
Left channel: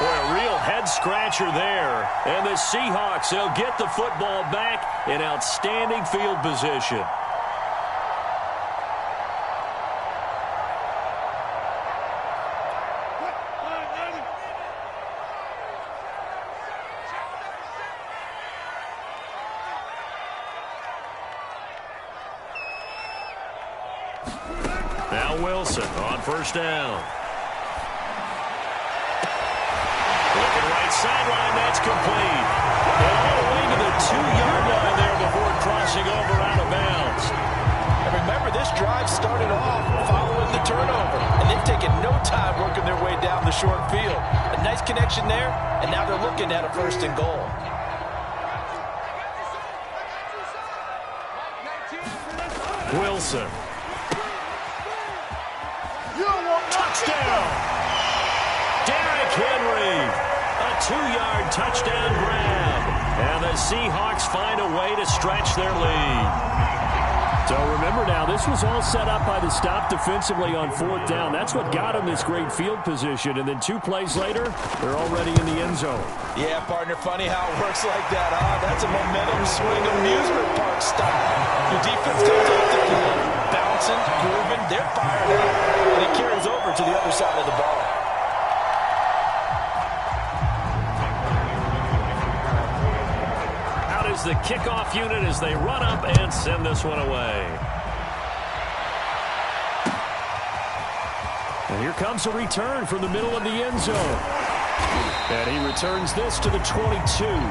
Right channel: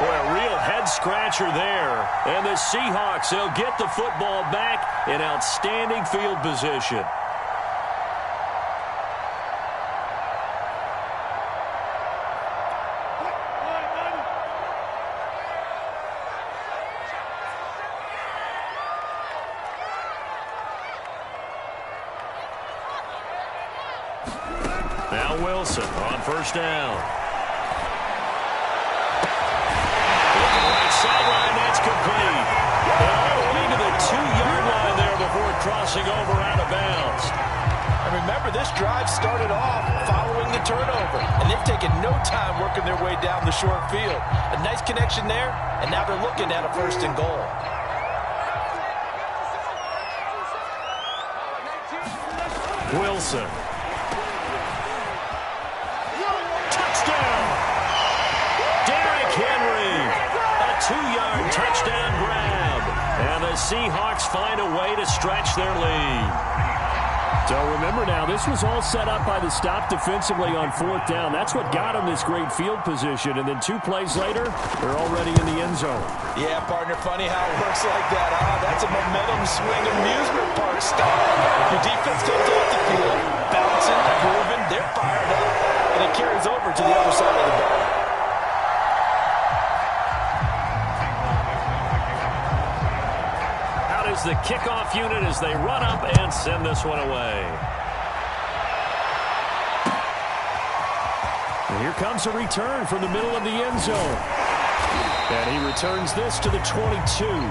Boy, a real head-scratcher there. And the Seahawks, they'll get the football back in outstanding field position. Now Wilson on 1st down. Looking right sideline, that's complete. And all the way to the 2-yard line there before crossing over out of bounds. And remember, this drive started off following the turnover, and they've taken no time working their way down the short field. A nice connection there, and now they're looking at a 1st and goal. Wilson. Touchdown! Derrick Henry. A 2-yard touchdown grab. And the Seahawks find a way to stretch their lead. So remember now, this was all set up by the stop defensively on 4th down. That's what got them this great field position. And then 2 plays later, they're already in the end zone. Yeah, partner, funny how it works like that, huh? That's a momentum swing amusement park style. Your defense comes off the field, bouncing, grooving, they're fired up, and it carries over to the other side of the ball. Out is the kickoff unit as they run up and send this one away. And here comes a return from the middle of the end zone. And he returns this to the 22.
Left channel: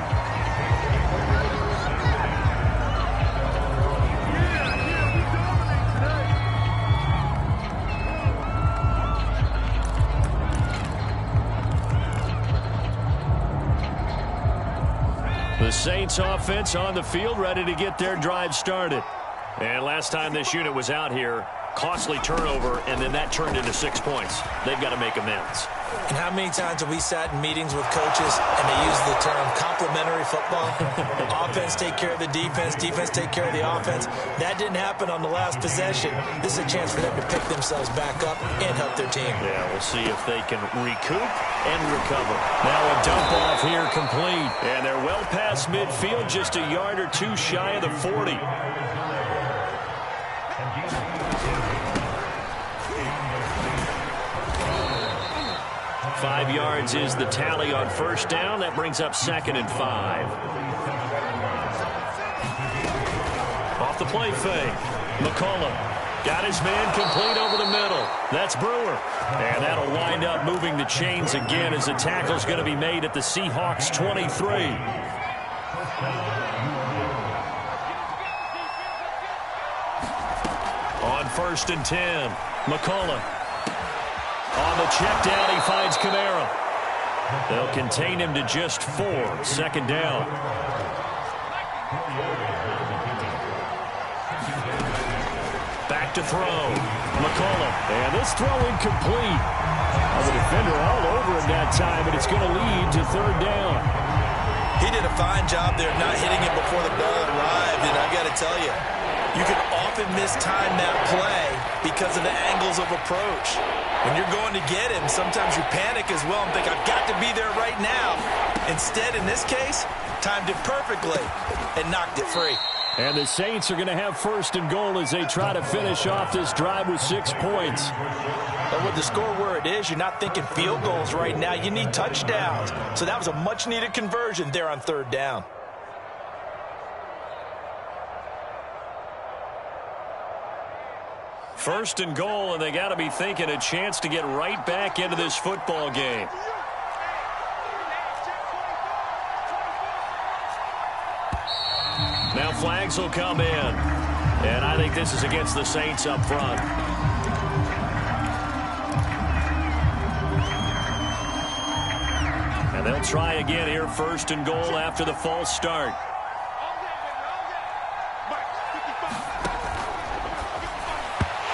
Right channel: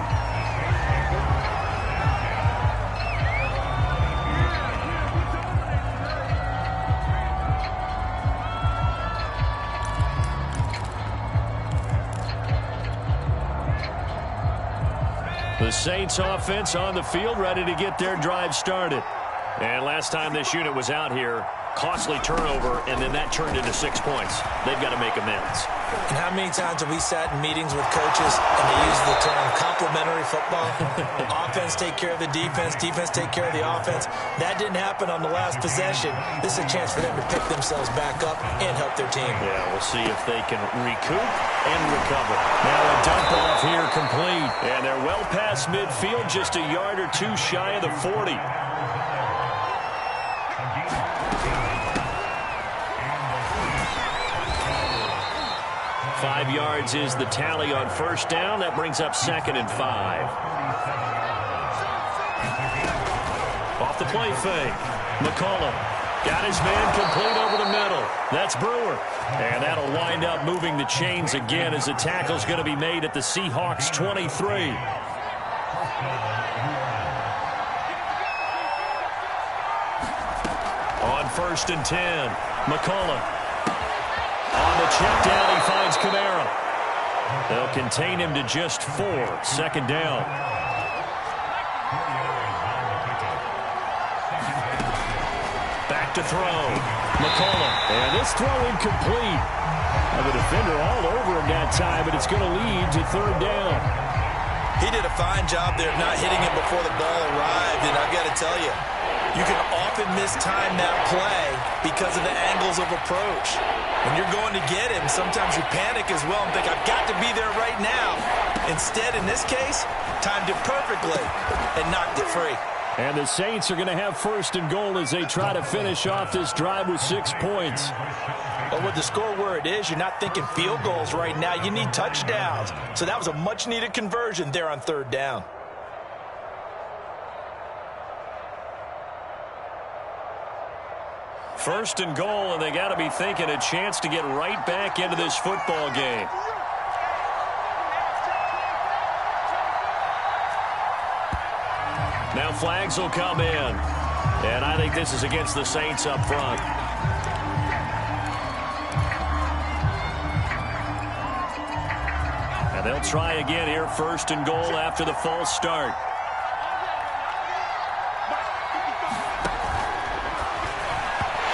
The Saints offense on the field, ready to get their drive started. And last time this unit was out here, costly turnover, and then that turned into 6 points. They've got to make amends. And how many times have we sat in meetings with coaches and they use the term complementary football? Offense take care of the defense, defense take care of the offense. That didn't happen on the last possession. This is a chance for them to pick themselves back up and help their team. Yeah, we'll see if they can recoup and recover. Now a dump off here complete. And they're well past midfield, just a yard or two shy of the 40. 5 yards is the tally on first down. That brings up 2nd and 5. Off the play fake. McCullough got his man complete over the middle. That's Brewer. And that'll wind up moving the chains again as the tackle's going to be made at the Seahawks 23. On 1st and 10, McCullough. On the check down, he finds Kamara. They'll contain him to just 4. 2nd down. Back to throw. McCullough. And this throw incomplete. The defender all over him that time, but it's going to lead to 3rd down. He did a fine job there of not hitting him before the ball arrived, and I've got to tell you, you can often mistime that play because of the angles of approach. When you're going to get him, sometimes you panic as well and think, I've got to be there right now. Instead, in this case, timed it perfectly and knocked it free. And the Saints are going to have 1st and goal as they try to finish off this drive with 6 points. But with the score where it is, you're not thinking field goals right now. You need touchdowns. So that was a much-needed conversion there on 3rd down. First and goal, and they got to be thinking a chance to get right back into this football game. Now flags will come in, and I think this is against the Saints up front. And they'll try again here, 1st and goal after the false start.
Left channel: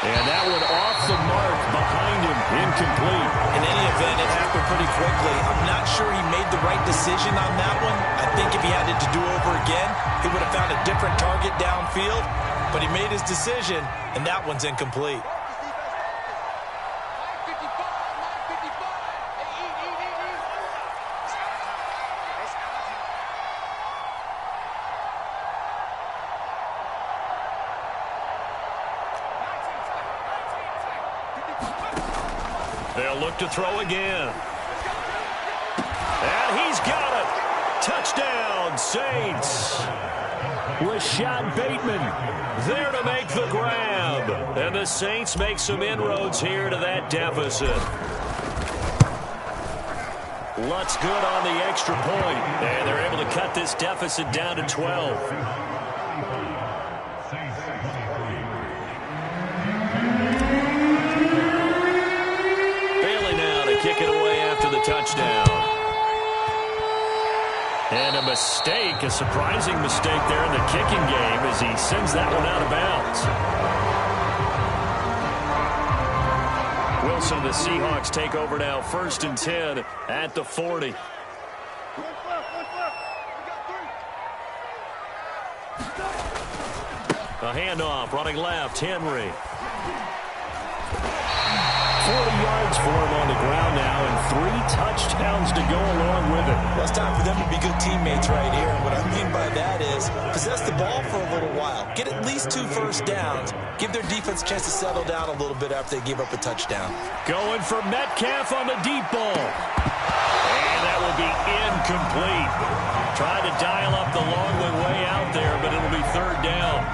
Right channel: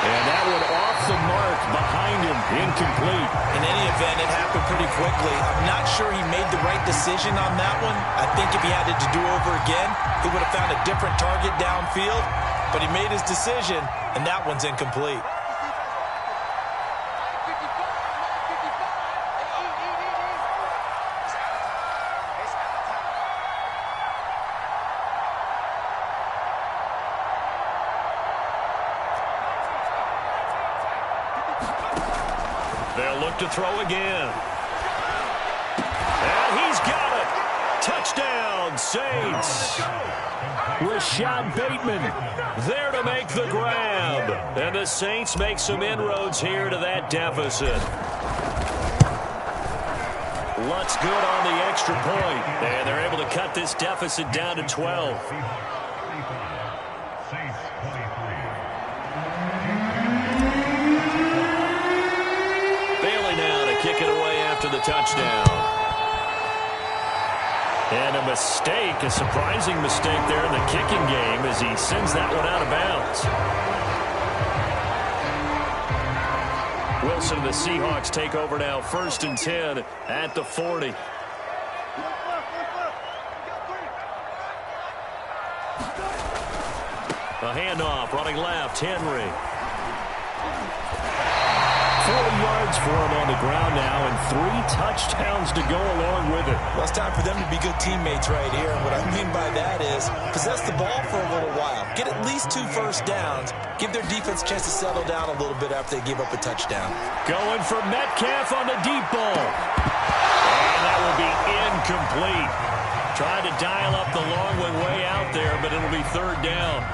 And that one off the mark behind him, incomplete. In any event, it happened pretty quickly. I'm not sure he made the right decision on that one. I think if he had it to do over again, he would have found a different target downfield. But he made his decision, and that one's incomplete. They'll look to throw again. And he's got it. Touchdown, Saints. Rashad Bateman there to make the grab. And the Saints make some inroads here to that deficit. Lutz good on the extra point. And they're able to cut this deficit down to 12. Kick it away after the touchdown. And a mistake, a surprising mistake there in the kicking game as he sends that one out of bounds. Wilson and the Seahawks take over now, 1st and 10 at the 40. A handoff, running left, Henry. 40 yards for him on the ground now and 3 touchdowns to go along with it. Well, it's time for them to be good teammates right here. And what I mean by that is possess the ball for a little while. Get at least 2 first downs. Give their defense a chance to settle down a little bit after they give up a touchdown. Going for Metcalf on the deep ball. And that will be incomplete. Tried to dial up the long one way out there, but it'll be 3rd down.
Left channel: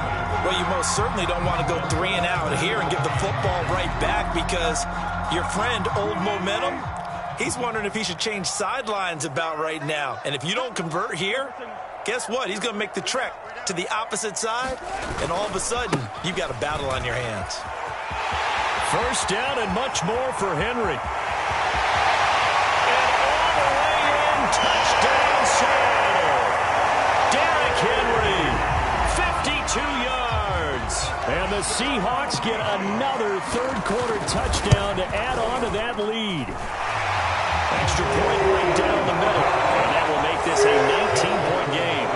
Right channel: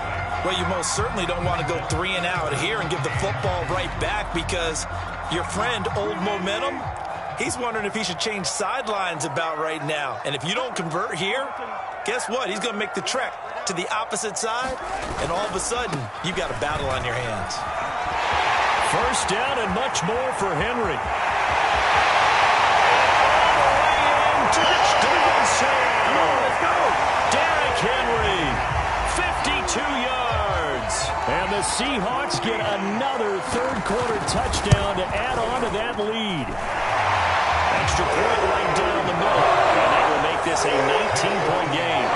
Well, you most certainly don't want to go 3 and out here and give the football right back because your friend, Old Momentum, he's wondering if he should change sidelines about right now. And if you don't convert here, guess what? He's going to make the trek to the opposite side, and all of a sudden, you've got a battle on your hands. 1st down and much more for Henry. And all the way in, touchdown Seattle. Derrick Henry, 52 yards. And the Seahawks get another third-quarter touchdown to add on to that lead. Extra point right down the middle, and that will make this a 19-point game.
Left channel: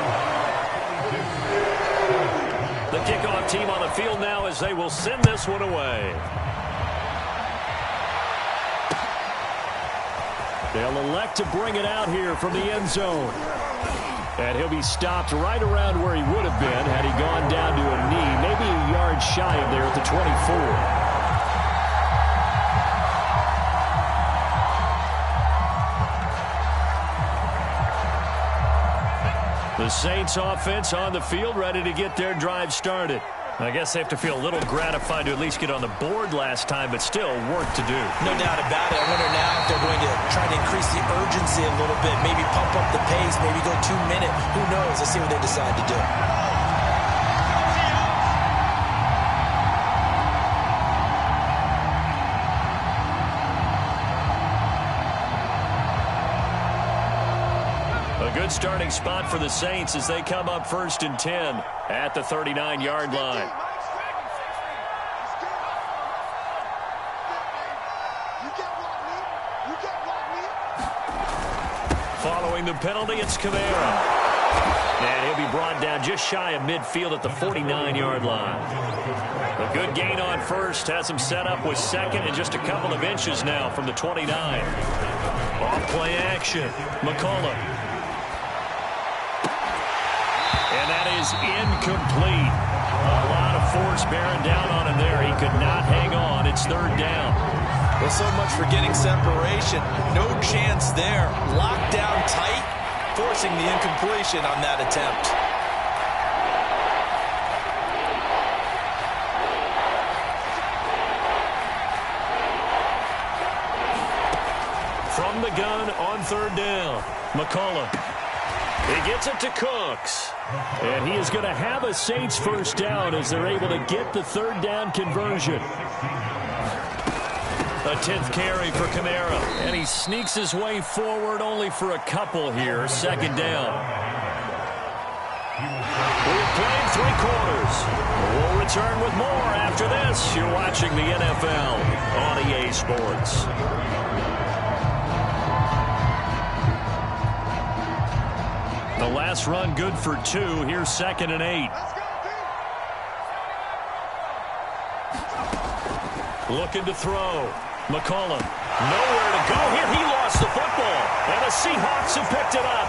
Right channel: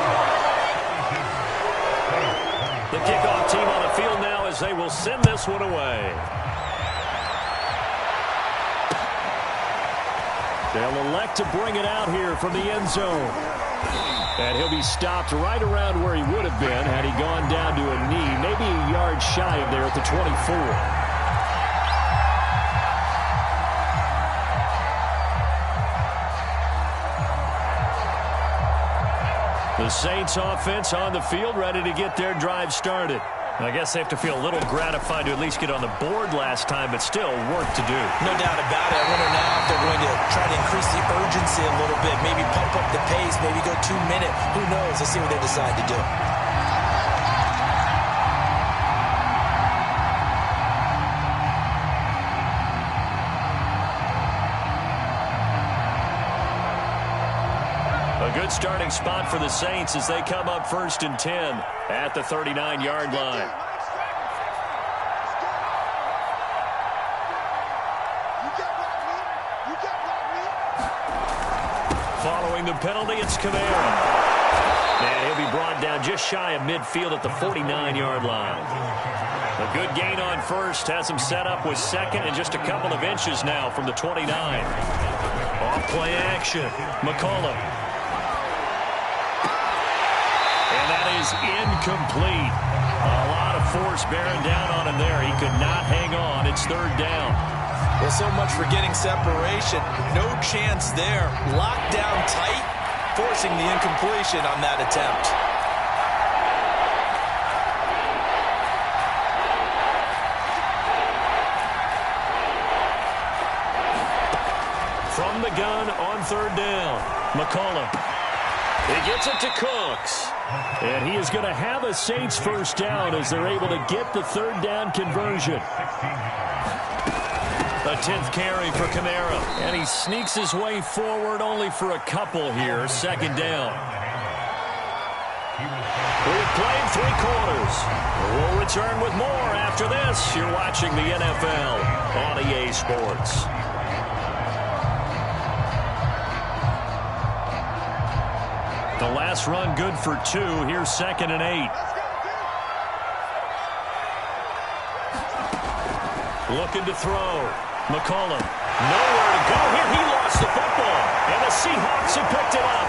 The kickoff team on the field now as they will send this one away. They'll elect to bring it out here from the end zone. And he'll be stopped right around where he would have been had he gone down to a knee, maybe a yard shy of there at the 24. The Saints offense on the field, ready to get their drive started. I guess they have to feel a little gratified to at least get on the board last time, but still work to do. No doubt about it. I wonder now if they're going to try to increase the urgency a little bit, maybe pump up the pace, maybe go 2 minute. Who knows? Let's see what they decide to do. A good starting spot for the Saints as they come up 1st and 10 at the 39-yard line. Following the penalty, it's Kamara. And he'll be brought down just shy of midfield at the 49-yard line. A good gain on first has him set up with second and just a couple of inches now from the 29. Off play action. McCollum. And that is incomplete. A lot of force bearing down on him there. He could not hang on. It's 3rd down. Well, so much for getting separation. No chance there. Locked down tight, forcing the incompletion on that attempt. From the gun on 3rd down. McCollum. He gets it to Cooks. And he is going to have a Saints first down as they're able to get the 3rd down conversion. A 10th carry for Kamara. And he sneaks his way forward only for a couple here. 2nd down. We have played 3 quarters. We'll return with more after this. You're watching the NFL on EA Sports. The last run good for 2. Here's 2nd and 8. Looking to throw. McCollum. Nowhere to go here. He lost the football. And the Seahawks have picked it up.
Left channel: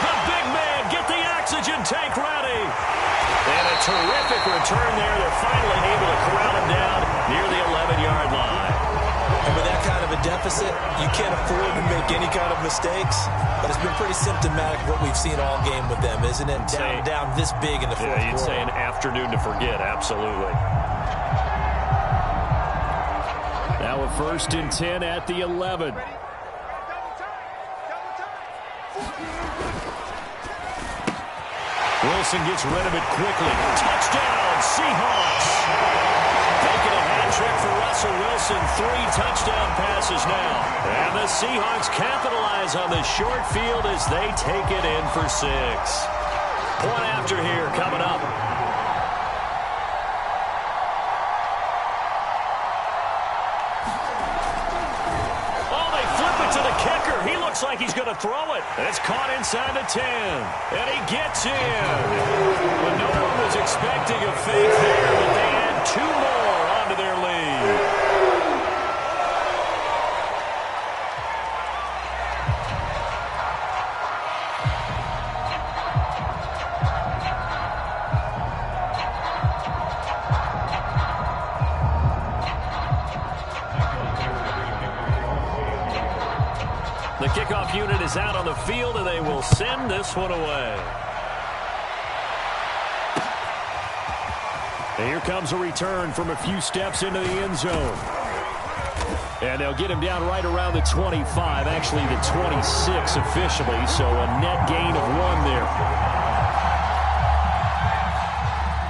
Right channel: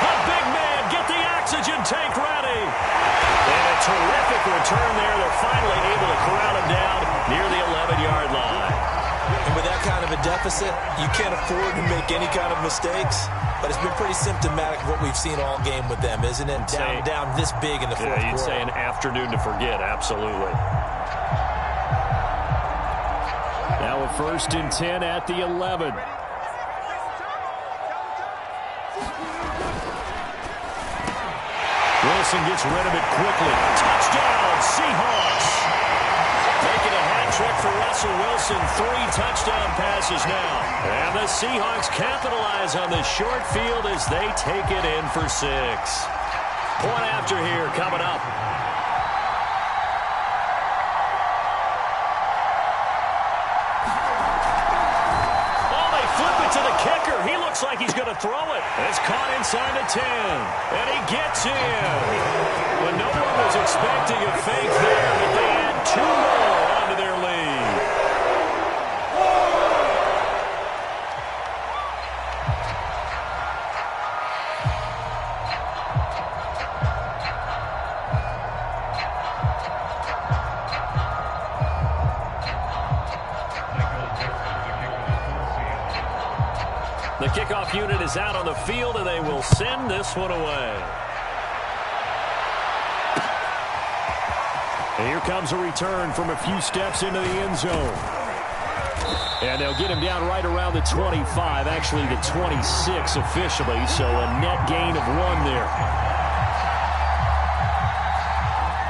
The big man, get the oxygen tank ready. And a terrific return there. They're finally able to corral him down near the 11-yard line. And with that kind of a deficit, you can't afford to make any kind of mistakes. But it's been pretty symptomatic of what we've seen all game with them, isn't it? Down this big in the fourth quarter. You'd say an afternoon to forget, absolutely. Now a 1st and 10 at the 11. Wilson gets rid of it quickly. Touchdown, Seahawks. Making a hat trick for Russell Wilson. 3 touchdown passes now. And the Seahawks capitalize on the short field as they take it in for 6. Point after here coming up. Oh, they flip it to the kicker. He looks like he's going to throw it. And it's caught inside the 10. And he gets in. But no one was expecting a fake there, but they add 2 more onto their lead. The kickoff unit is out on the field, and they will send this one away. And here comes a return from a few steps into the end zone. And they'll get him down right around the 25, actually the 26 officially, so a net gain of 1 there.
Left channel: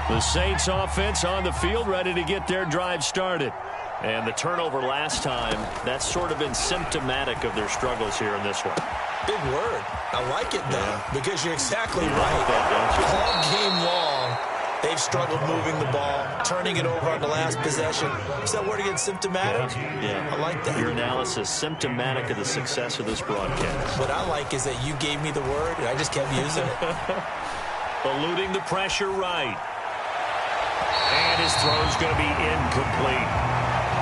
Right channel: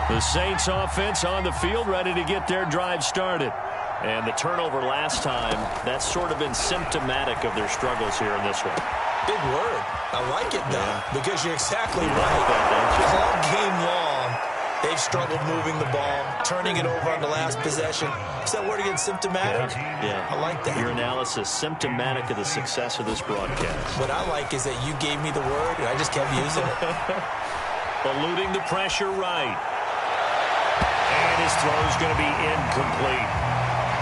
The Saints offense on the field ready to get their drive started. And the turnover last time, that's sort of been symptomatic of their struggles here in this one. Big word. I like it, though, because you're exactly right. Like that, don't you? All game long, They've struggled moving the ball, turning it over on the last possession. Is that word again, symptomatic? Yeah. I like that. Your analysis, symptomatic of the success of this broadcast. What I like is that you gave me the word, and I just kept using it. Eluding the pressure right. And his throw's going to be incomplete.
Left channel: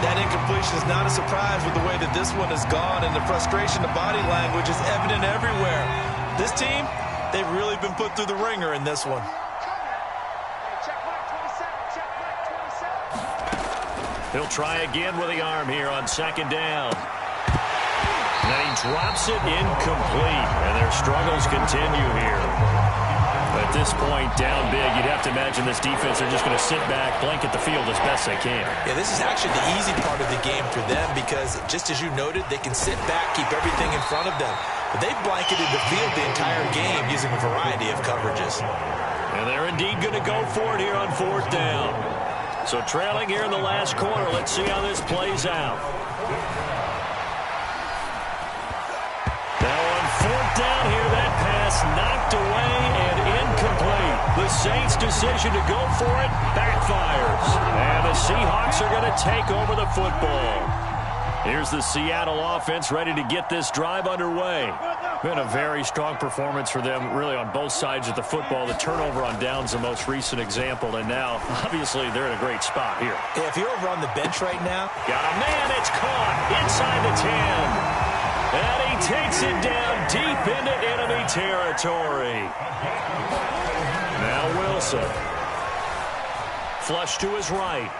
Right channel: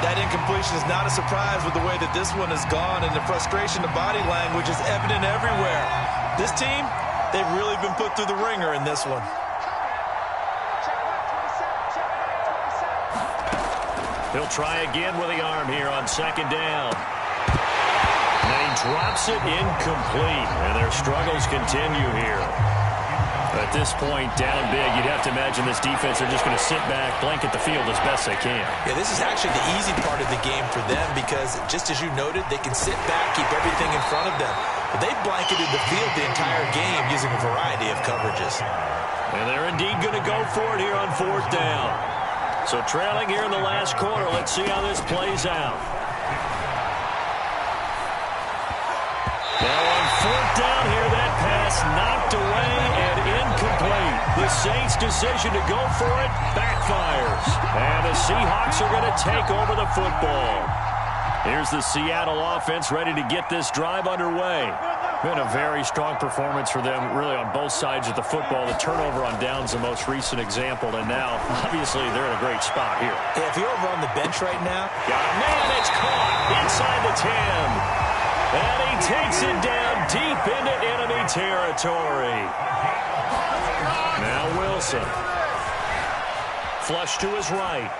That incompletion is not a surprise with the way that this one has gone, and the frustration, the body language is evident everywhere. This team, they've really been put through the ringer in this one. He'll try again with the arm here on second down. And then he drops it incomplete, and their struggles continue here. At this point, down big, you'd have to imagine this defense are just going to sit back, blanket the field as best they can. Yeah, this is actually the easy part of the game for them because, just as you noted, they can sit back, keep everything in front of them. But they've blanketed the field the entire game using a variety of coverages. And they're indeed going to go for it here on fourth down. So trailing here in the last quarter, let's see how this plays out. Now on fourth down here, that pass knocked away and incomplete. The Saints' decision to go for it backfires. And the Seahawks are going to take over the football. Here's the Seattle offense ready to get this drive underway. Been a very strong performance for them, really, on both sides of the football. The turnover on downs, the most recent example, and now, obviously, they're in a great spot here. Yeah, if you're over on the bench right now. Got a man, it's caught inside the 10. And he takes it down deep into enemy territory. Now Wilson. Flush to his right.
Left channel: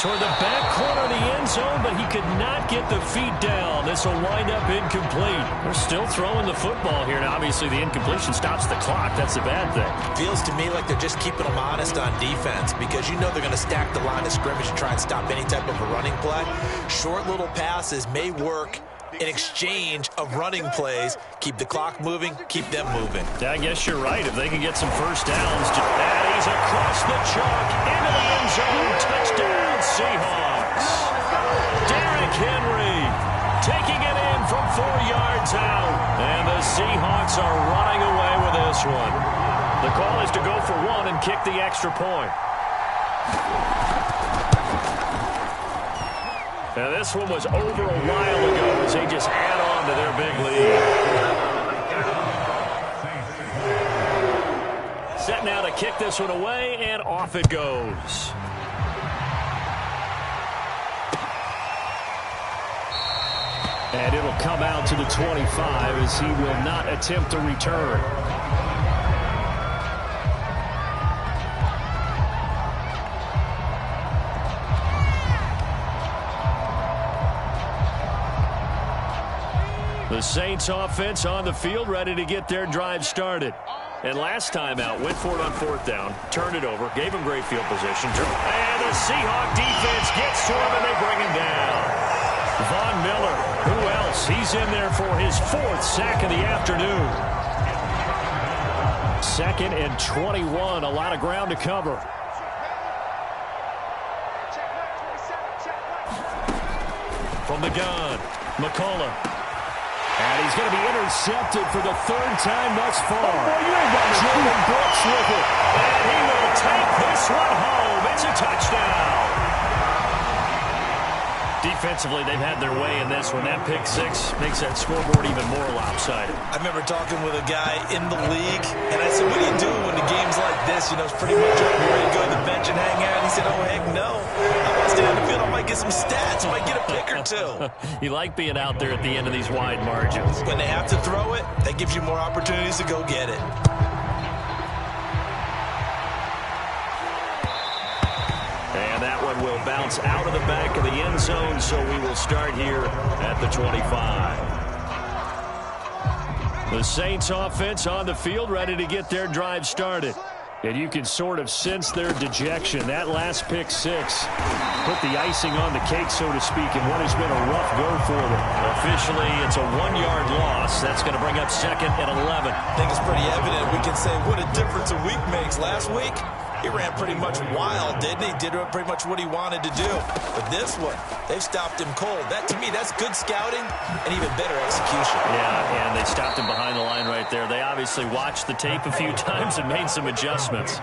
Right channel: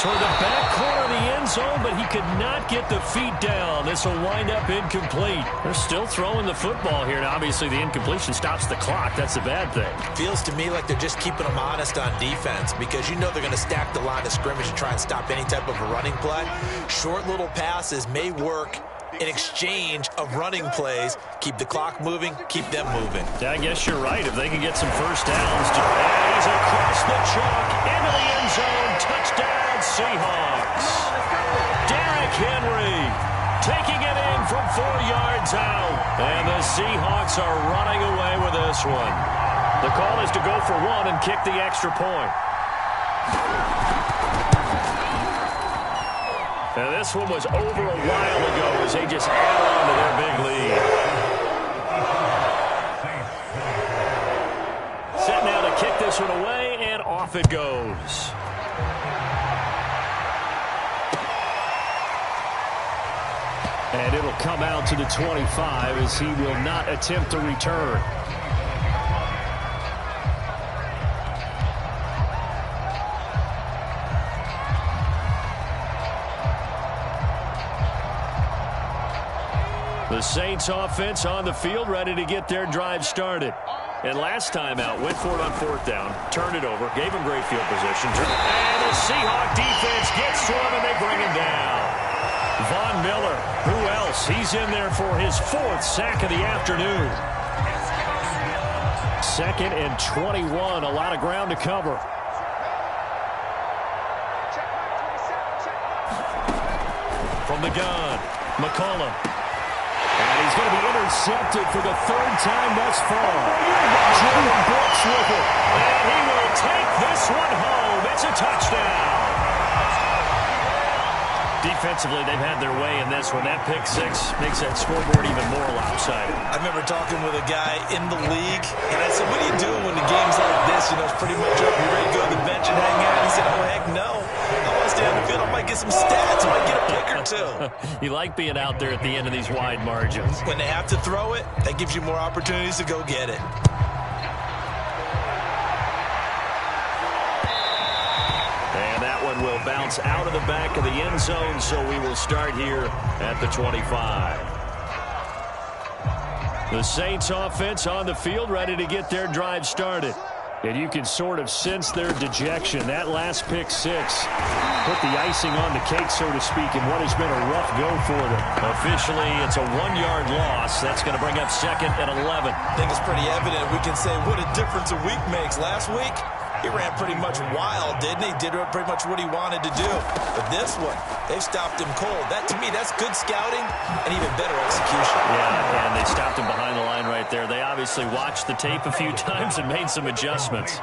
Toward the back corner of the end zone, but he could not get the feet down. This will wind up incomplete. They're still throwing the football here. Now, obviously, the incompletion stops the clock. That's the bad thing. Feels to me like they're just keeping them honest on defense because you know they're going to stack the line of scrimmage to try and stop any type of a running play. Short little passes may work in exchange of running plays. Keep the clock moving, keep them moving. Yeah, I guess you're right. If they can get some first downs. And he's across the chalk into the end zone. Touchdown, Seahawks. Derrick Henry taking it in from 4 yards out. And the Seahawks are running away with this one. The call is to go for one and kick the extra point. Now, this one was over a while ago as they just add on to their big lead. Set now to kick this one away, and off it goes. And it'll come out to the 25 as he will not attempt to return. The Saints offense on the field, ready to get their drive started. And last time out, went for it on fourth down, turned it over, gave him great field position. And the Seahawk defense gets to him, and they bring him down. Von Miller, who else? He's in there for his fourth sack of the afternoon. 2nd and 21, a lot of ground to cover. From the gun, McCullough. And he's going to be intercepted for the 3rd time thus far. Jordan Brooks with it. And he will take this one home. It's a touchdown. Defensively, they've had their way in this one. That pick six makes that scoreboard even more lopsided. I remember talking with a guy in the league, and I said, what do you do when the game's like this? You know, it's pretty much over. You ready to go to the bench and hang out? And he said, oh, heck no. I want to stay on the field. I might get some stats. I might get a pick or two. You like being out there at the end of these wide margins. When they have to throw it, that gives you more opportunities to go get it. And that one will bounce out of the back of the end zone, so we will start here at the 25. The Saints offense on the field, ready to get their drive started. And you can sort of sense their dejection. That last pick six put the icing on the cake, so to speak, in what has been a rough go for them. Officially, it's a 1-yard loss. That's going to bring up 2nd and 11. I think it's pretty evident. We can say what a difference a week makes. Last week, he ran pretty much wild, didn't he? Did pretty much what he wanted to do. But this one, they've stopped him cold. That, to me, that's good scouting and even better execution. Yeah, and they stopped him behind the line right there. They obviously watched the tape a few times and made some adjustments.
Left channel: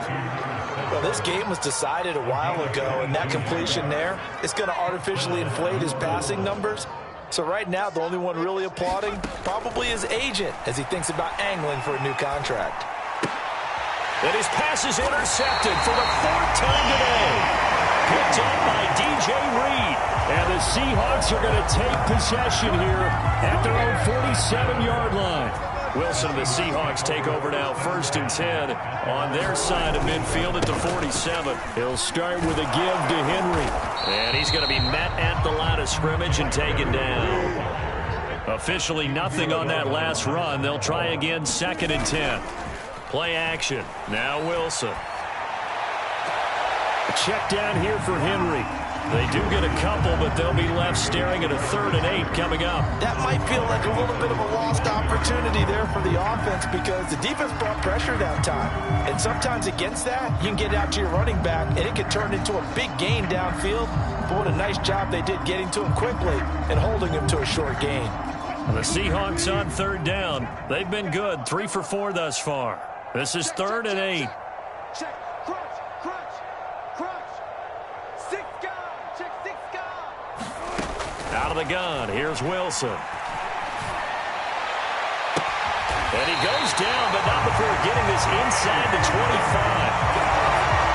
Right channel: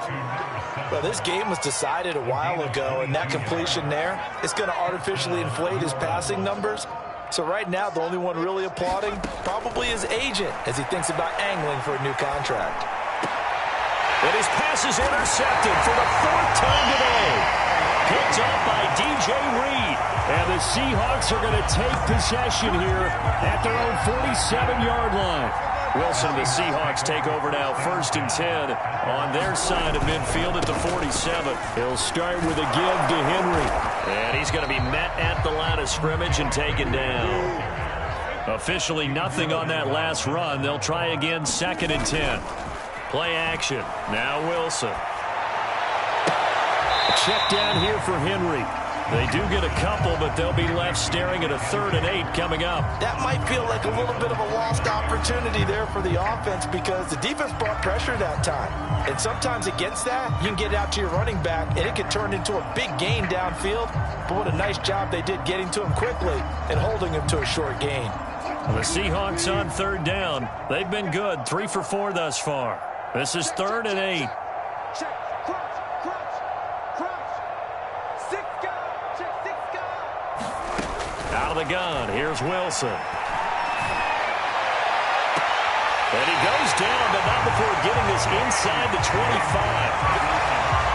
Well, this game was decided a while ago, and that completion there is going to artificially inflate his passing numbers. So right now, the only one really applauding probably his agent as he thinks about angling for a new contract. And his pass is intercepted for the 4th time today. Picked up by DJ Reed. And the Seahawks are going to take possession here at their own 47-yard line. Wilson and the Seahawks take over now, 1st and 10 on their side of midfield at the 47. He'll start with a give to Henry. And he's going to be met at the line of scrimmage and taken down. Officially nothing on that last run. They'll try again, 2nd and 10. Play action. Now Wilson. A check down here for Henry. They do get a couple, but they'll be left staring at a 3rd and 8 coming up. That might feel like a little bit of a lost opportunity there for the offense because the defense brought pressure that time. And sometimes against that, you can get out to your running back, and it could turn into a big gain downfield. But what a nice job they did getting to him quickly and holding him to a short gain. The Seahawks on 3rd down. They've been good, 3 for 4 thus far. This is 3rd and 8. Check, crunch. 6 guard, check 6 guard. Out of the gun, here's Wilson. And he goes down, but not before getting this inside the 25.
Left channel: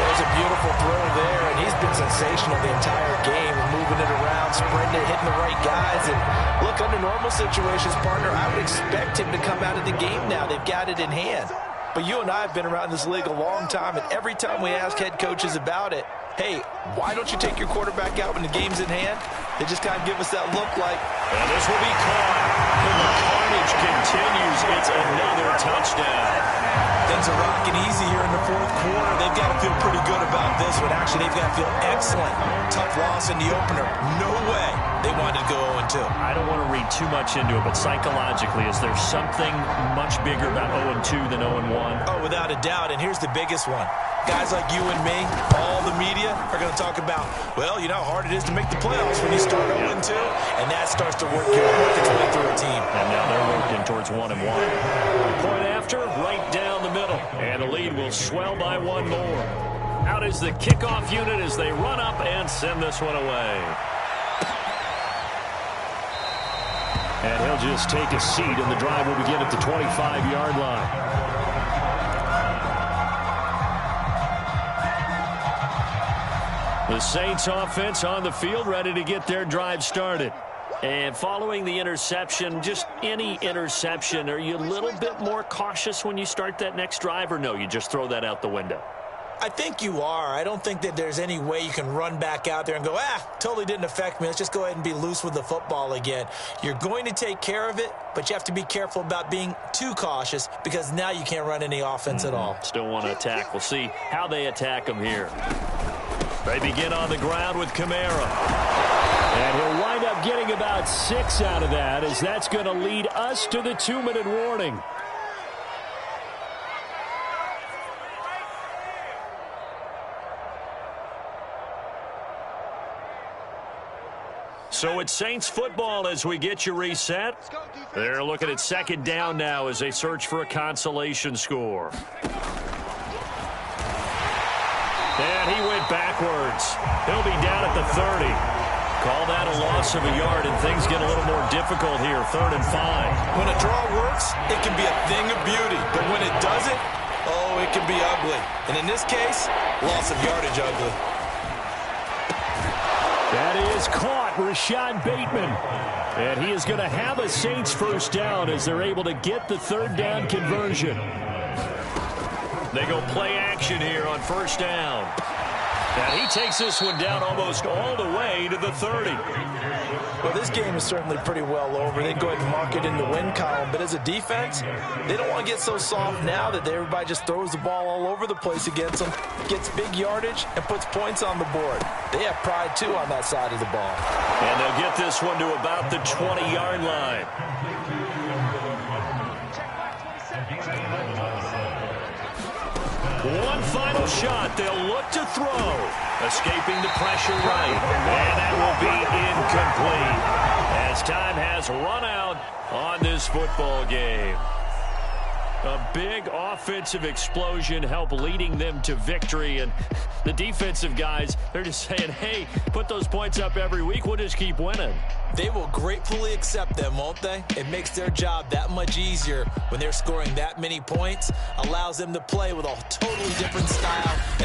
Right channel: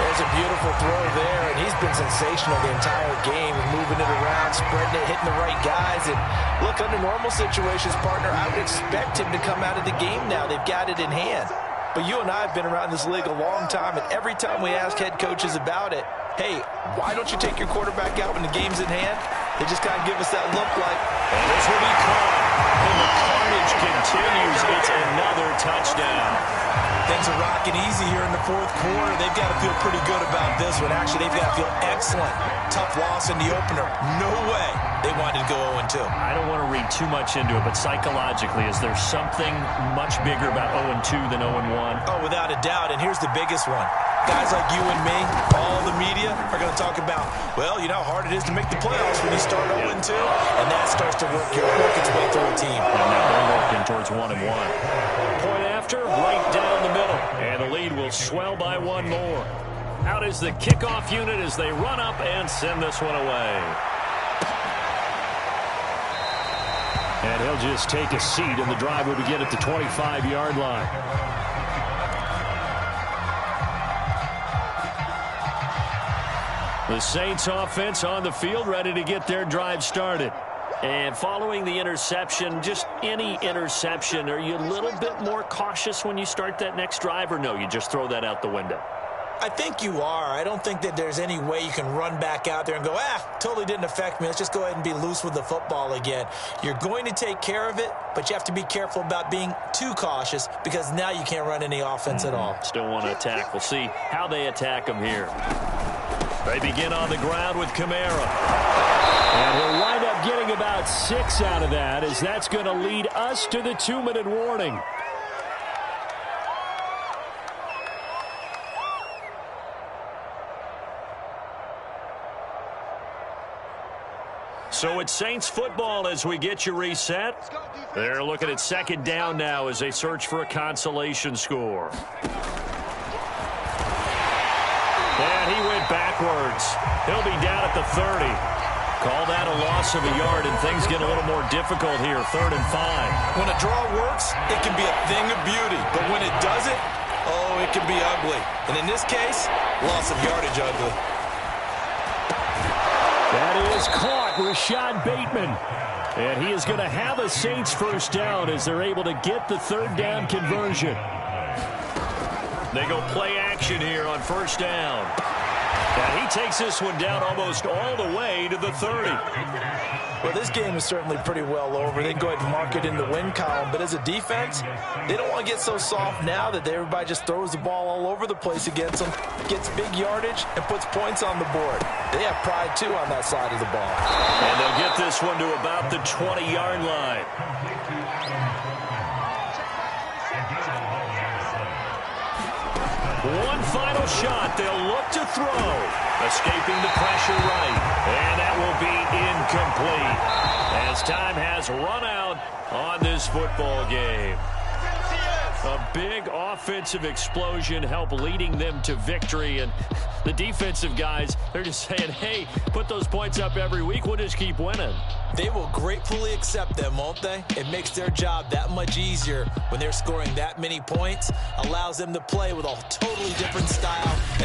There's a beautiful throw there, and he's been sensational the entire game, moving it around, spreading it, hitting the right guys. And look, under normal situations, partner, I would expect him to come out of the game now. They've got it in hand. But you and I have been around this league a long time, and every time we ask head coaches about it, hey, why don't you take your quarterback out when the game's in hand? They just kind of give us that look like. And this will be caught. And the carnage continues. It's another touchdown. Things are rocking easy here in the 4th quarter. They've got to feel pretty good about this one. Actually, they've got to feel excellent. Tough loss in the opener. No way they wanted to go 0-2. I don't want to read too much into it, but psychologically, is there something much bigger about 0-2 than 0-1? Oh, without a doubt. And here's the biggest one. Guys like you and me, all the media, are going to talk about, well, you know how hard it is to make the playoffs when you start 0-2, and that starts to work its way through a team. And now they're working towards 1-1. Point after, right down the middle, and the lead will swell by 1 more. Out is the kickoff unit as they run up and send this one away. And he'll just take a seat, and the drive will begin at the 25-yard line. The Saints offense on the field, ready to get their drive started. And following the interception, just any interception, are you a little bit more cautious when you start that next drive, or no, you just throw that out the window? I think you are. I don't think that there's any way you can run back out there and go, totally didn't affect me. Let's just go ahead and be loose with the football again. You're going to take care of it, but you have to be careful about being too cautious because now you can't run any offense at all. Still want to attack. We'll see how they attack them here. They begin on the ground with Kamara. And he'll wind up getting about 6 out of that, as that's going to lead us to the 2-minute warning. So it's Saints football as we get you reset. They're looking at 2nd down now as they search for a consolation score. And he went backwards. He'll be down at the 30. Call that a loss of a yard, and things get a little more difficult here, 3rd and 5. When a draw works, it can be a thing of beauty. But when it doesn't, oh, it can be ugly. And in this case, loss of yardage ugly. That is caught, Rashad Bateman. And he is going to have a Saints 1st down as they're able to get the 3rd down conversion. They go play action here on 1st down. And he takes this one down almost all the way to the 30. Well, this game is certainly pretty well over. They can go ahead and mark it in the win column. But as a defense, they don't want to get so soft now that everybody just throws the ball all over the place against them, gets big yardage, and puts points on the board. They have pride, too, on that side of the ball. And they'll get this one to about the 20-yard line. One final shot. They'll look to throw. Escaping the pressure right. And that will be incomplete as time has run out on this football game. A big offensive explosion helped leading them to victory. And the defensive guys, they're just saying, hey, put those points up every week. We'll just keep winning. They will gratefully accept them, won't they? It makes their job that much easier when they're scoring that many points. Allows them to play with a totally different style and